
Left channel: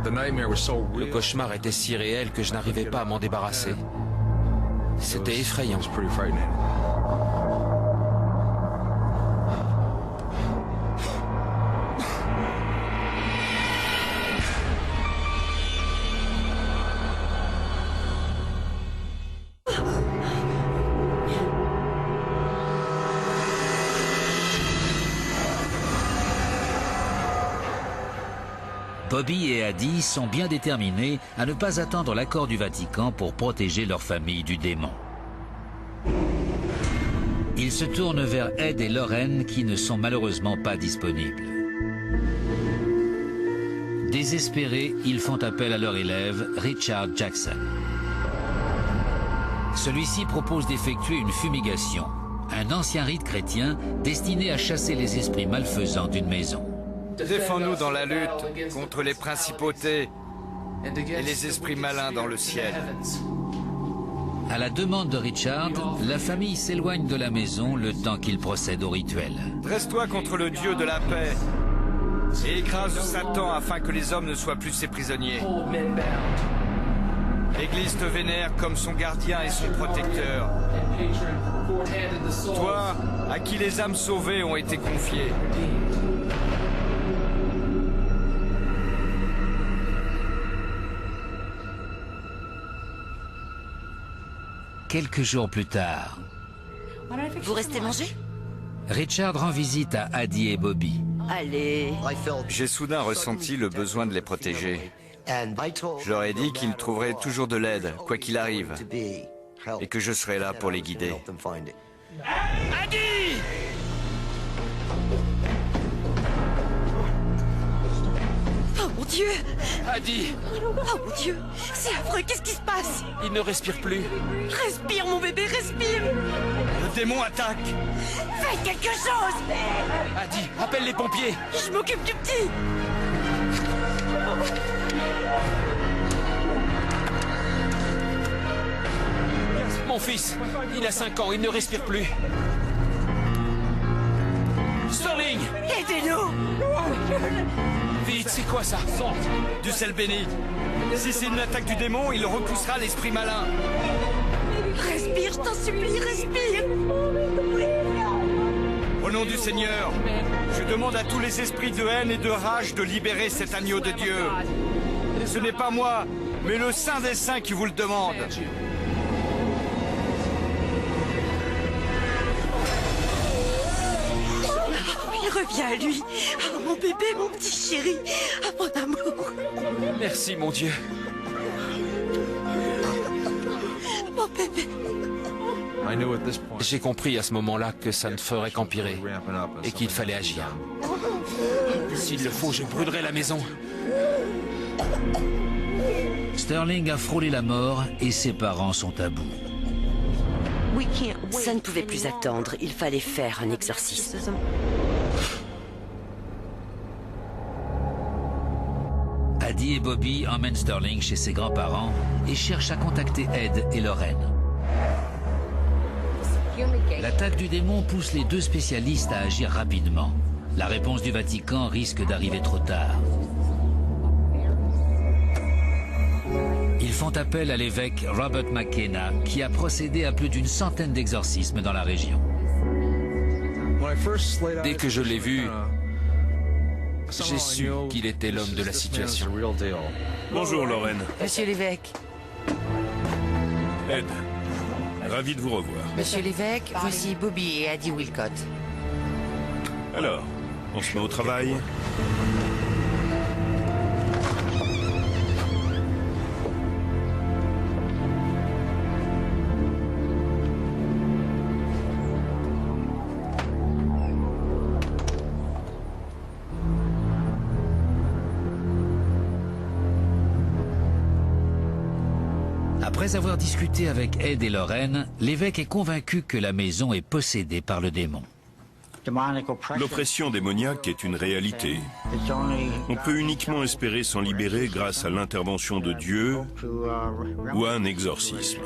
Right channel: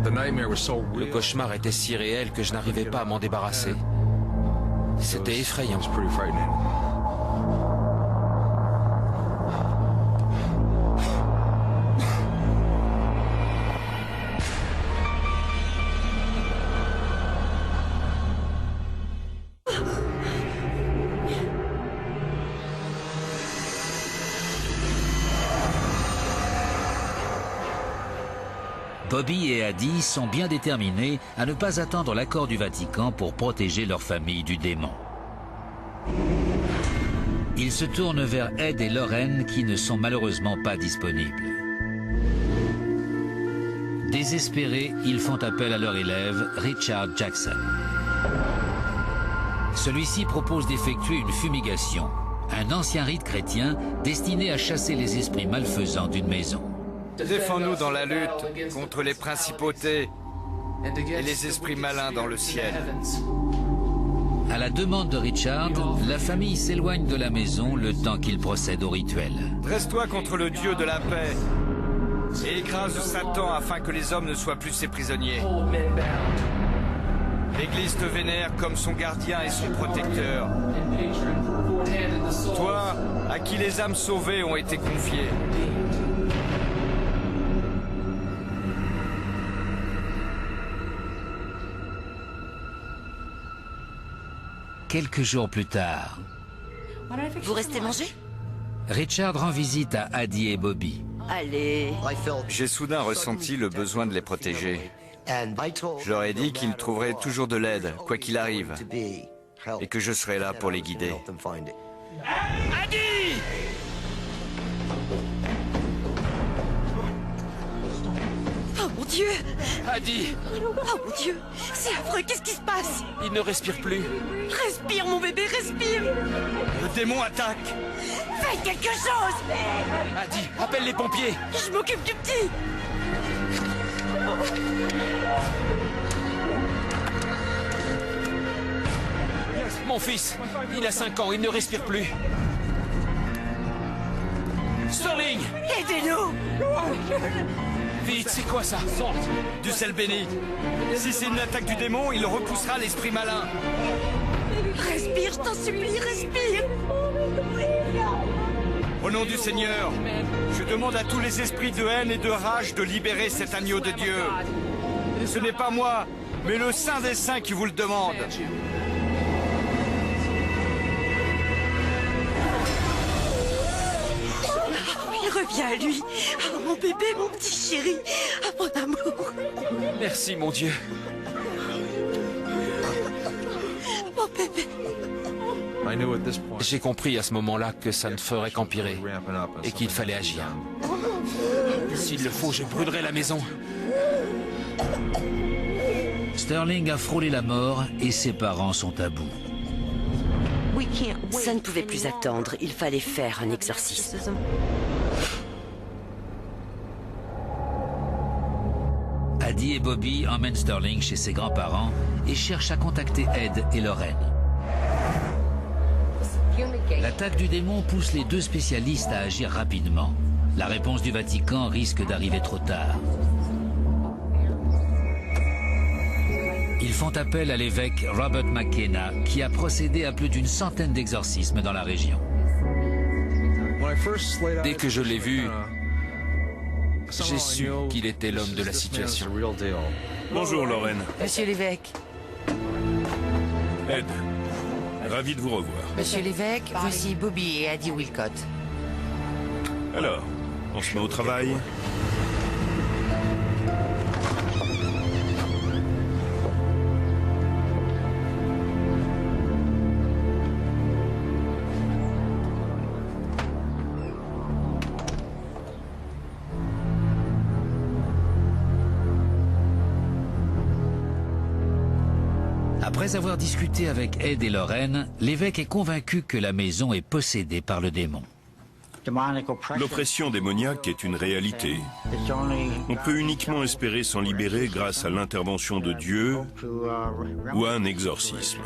Le cauchemar était si réel que je n'arrivais pas à m'en débarrasser. C'était effrayant. Bobby et Addie sont bien déterminés à ne pas attendre l'accord du Vatican pour protéger leur famille du démon. Ils se tournent vers Ed et Lorraine qui ne sont malheureusement pas disponibles. Désespérés, ils font appel à leur élève, Richard Jackson. Celui-ci propose d'effectuer une fumigation, un ancien rite chrétien destiné à chasser les esprits malfaisants d'une maison. Défends-nous dans la lutte contre les principautés et les esprits malins dans le ciel. À la demande de Richard, la famille s'éloigne de la maison le temps qu'il procède au rituel. Dresse-toi contre le Dieu de la paix et écrase Satan afin que les hommes ne soient plus ses prisonniers. L'Église te vénère comme son gardien et son protecteur. Toi, à qui les âmes sauvées ont été confiées. Quelques jours plus tard, Vous restez manger? Richard rend visite à Addie et Bobby. Allez. J'ai soudain ressenti le besoin de les protéger. Je leur ai dit qu'ils trouveraient toujours de l'aide, quoi qu'il arrive, et que je serais là pour les guider. Addie! Oh mon Dieu! Addie! Oh mon Dieu! C'est affreux, qu'est-ce qui se passe? Il ne respire plus. Respire mon bébé, respire! Le démon attaque! Faites quelque chose! Addie, appelle les pompiers! Je m'occupe du petit! Mon fils, il a 5 ans, il ne respire plus. Sterling! Aidez-nous! Vite, c'est quoi ça? Du sel béni. Si c'est une attaque du démon, il repoussera l'esprit malin. Respire, je t'en supplie, respire. Au nom du Seigneur, je demande à tous les esprits de haine et de rage de libérer cet agneau de Dieu. Ce n'est pas moi, mais le Saint des Saints qui vous le demande. Il revient à lui. Oh, mon bébé, mon petit chéri. Oh, mon amour. Merci, mon Dieu. Mon bébé. J'ai compris à ce moment-là que ça ne ferait qu'empirer et qu'il fallait agir. S'il le faut, je brûlerai la maison. Sterling a frôlé la mort et ses parents sont à bout. Ça ne pouvait plus attendre. Il fallait faire un exorcisme. Addie et Bobby emmènent Sterling chez ses grands-parents et cherchent à contacter Ed et Lorraine. L'attaque du démon pousse les deux spécialistes à agir rapidement. La réponse du Vatican risque d'arriver trop tard. Ils font appel à l'évêque Robert McKenna, qui a procédé à plus d'une centaine d'exorcismes dans la région. Dès que je l'ai vu, j'ai su qu'il était l'homme de la situation. Bonjour, Lorraine. Monsieur l'évêque. Ed, ravi de vous revoir. Monsieur l'évêque, voici Bobby et Addie Wilcott. Alors, on se met au travail? Après avoir discuté avec Ed et Lorraine, l'évêque est convaincu que la maison est possédée par le démon. L'oppression démoniaque est une réalité. On peut uniquement espérer s'en libérer grâce à l'intervention de Dieu ou à un exorcisme.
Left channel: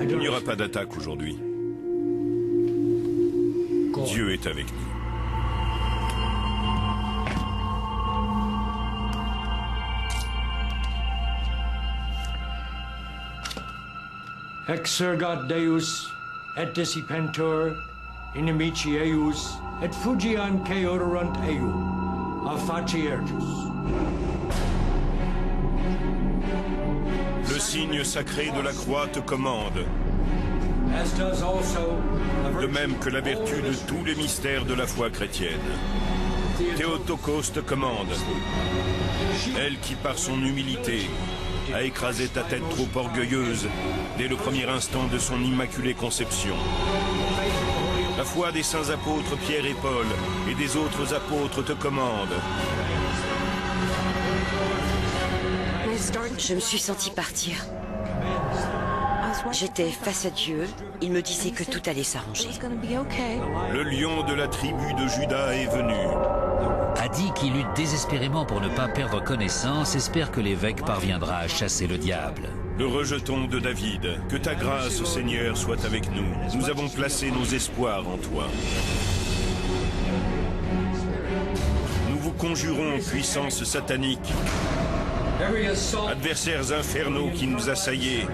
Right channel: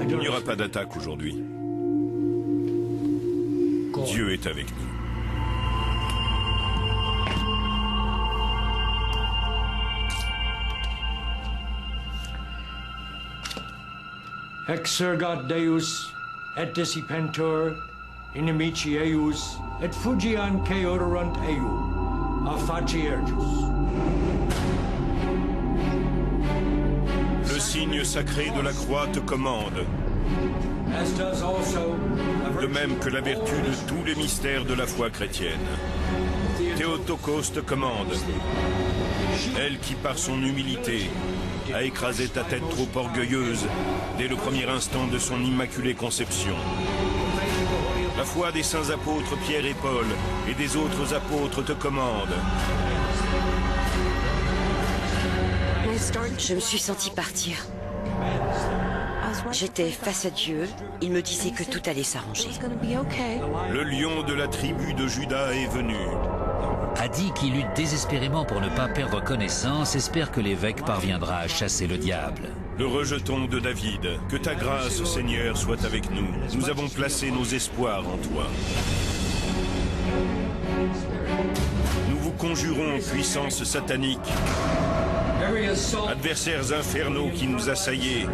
Il n'y aura pas d'attaque aujourd'hui. Dieu est avec nous. Exergat Deus et dissipentur inimici eius et fugian ceorant eiu a faciertus. Le signe sacré de la croix te commande, de même que la vertu de tous les mystères de la foi chrétienne. Théotokos te commande, elle qui par son humilité a écrasé ta tête trop orgueilleuse dès le premier instant de son immaculée conception. La foi des saints apôtres Pierre et Paul et des autres apôtres te commande. Je me suis sentie partir. J'étais face à Dieu. Il me disait que tout allait s'arranger. Le lion de la tribu de Juda est venu. Addie, qui lutte désespérément pour ne pas perdre connaissance, espère que l'évêque parviendra à chasser le diable. Le rejeton de David, que ta grâce, Seigneur, soit avec nous. Nous avons placé nos espoirs en toi. Nous vous conjurons, puissance satanique, adversaires infernaux qui nous assaillaient,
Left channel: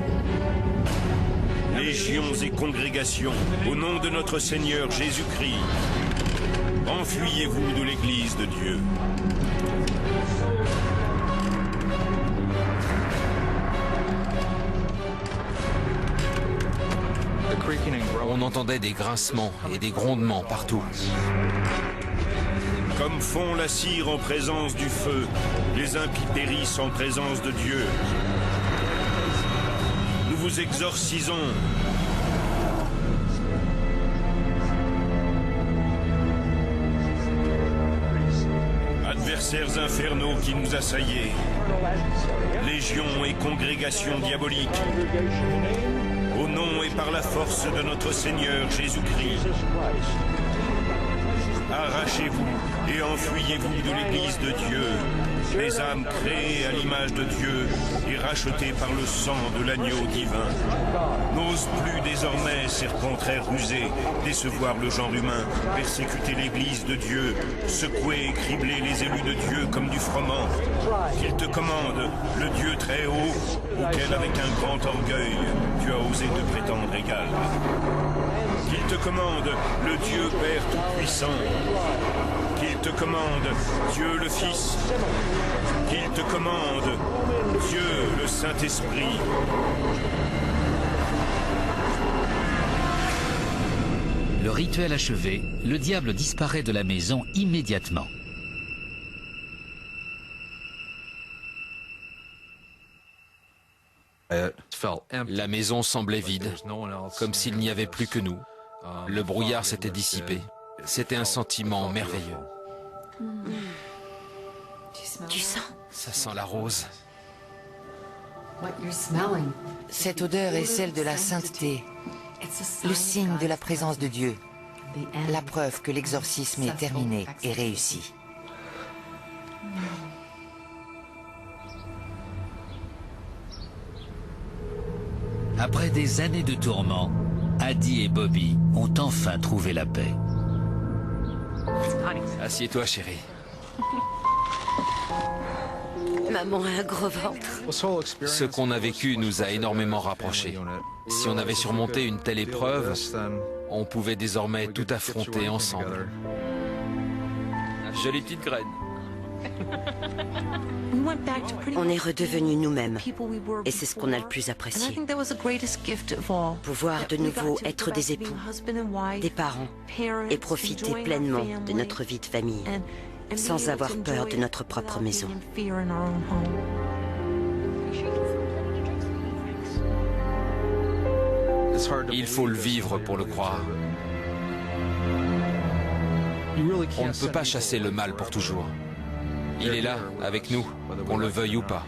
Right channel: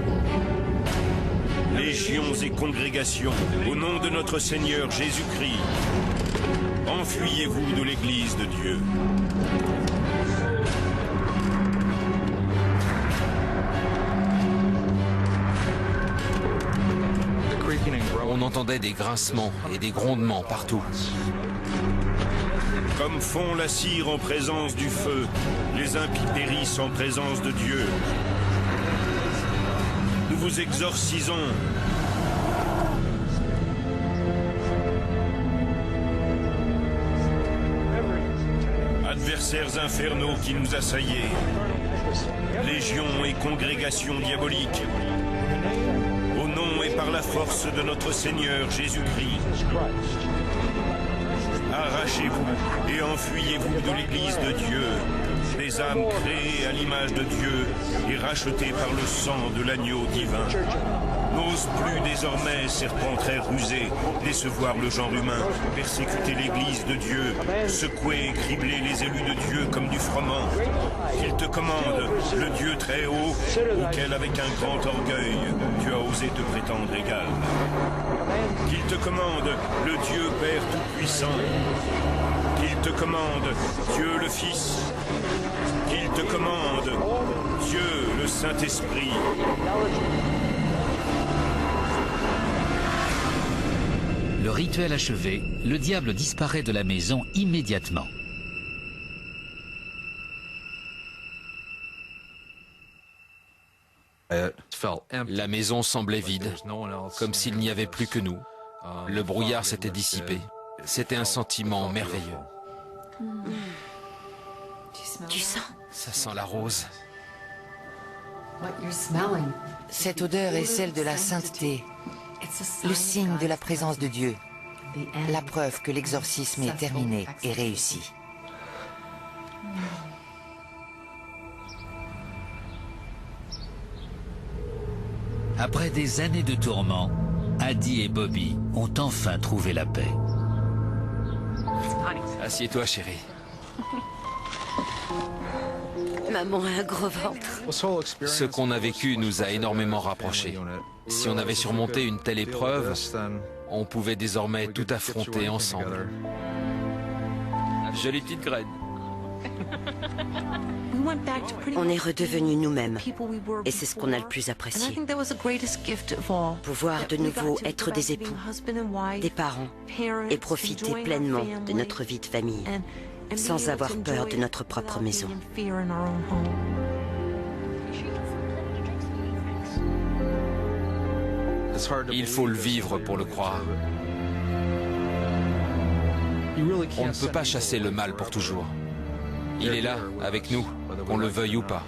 légions et congrégations, au nom de notre Seigneur Jésus-Christ, enfuyez-vous de l'Église de Dieu. On entendait des grincements et des grondements partout. Comme fond la cire en présence du feu, les impies périssent en présence de Dieu. Nous vous exorcisons. Adversaires infernaux qui nous assaillaient, légions et congrégations diaboliques, au nom et par la force de notre Seigneur Jésus-Christ, arrachez-vous et enfuyez-vous de l'Église de Dieu, les âmes créées à l'image de Dieu et rachetées par le sang de l'agneau divin. n'ose plus désormais, serpent très rusé, décevoir le genre humain, persécuter l'église de Dieu, secouer et cribler les élus de Dieu comme du froment. Qu'il te commande, le Dieu très haut, auquel avec un grand orgueil, tu as osé te prétendre égal. Qu'il te commande, le Dieu Père Tout-Puissant. Qu'il te commande, Dieu le Fils. Qu'il te commande, Dieu le Saint-Esprit. Le rituel achevé, le diable disparaît de la maison immédiatement. La maison semblait vide, comme s'il n'y avait plus que nous. Le brouillard s'était dissipé. C'était un sentiment merveilleux. Tu sens? Ça sent la rose. Cette odeur est celle de la sainteté, le signe de la présence de Dieu, la preuve que l'exorcisme est terminé et réussi. Après des années de tourments, Addie et Bobby ont enfin trouvé la paix. Assieds-toi, chérie. Maman a un gros ventre. Ce qu'on a vécu nous a énormément rapprochés. Si on avait surmonté une telle épreuve, on pouvait désormais tout affronter ensemble. Jolie petite graine. On est redevenus nous-mêmes. Et c'est ce qu'on a le plus apprécié. Pouvoir de nouveau être des époux, des parents, et profiter pleinement de notre vie de famille, sans avoir peur de notre propre maison. Il faut le vivre pour le croire. On ne peut pas chasser le mal pour toujours. Il est là, avec nous, qu'on le veuille ou pas.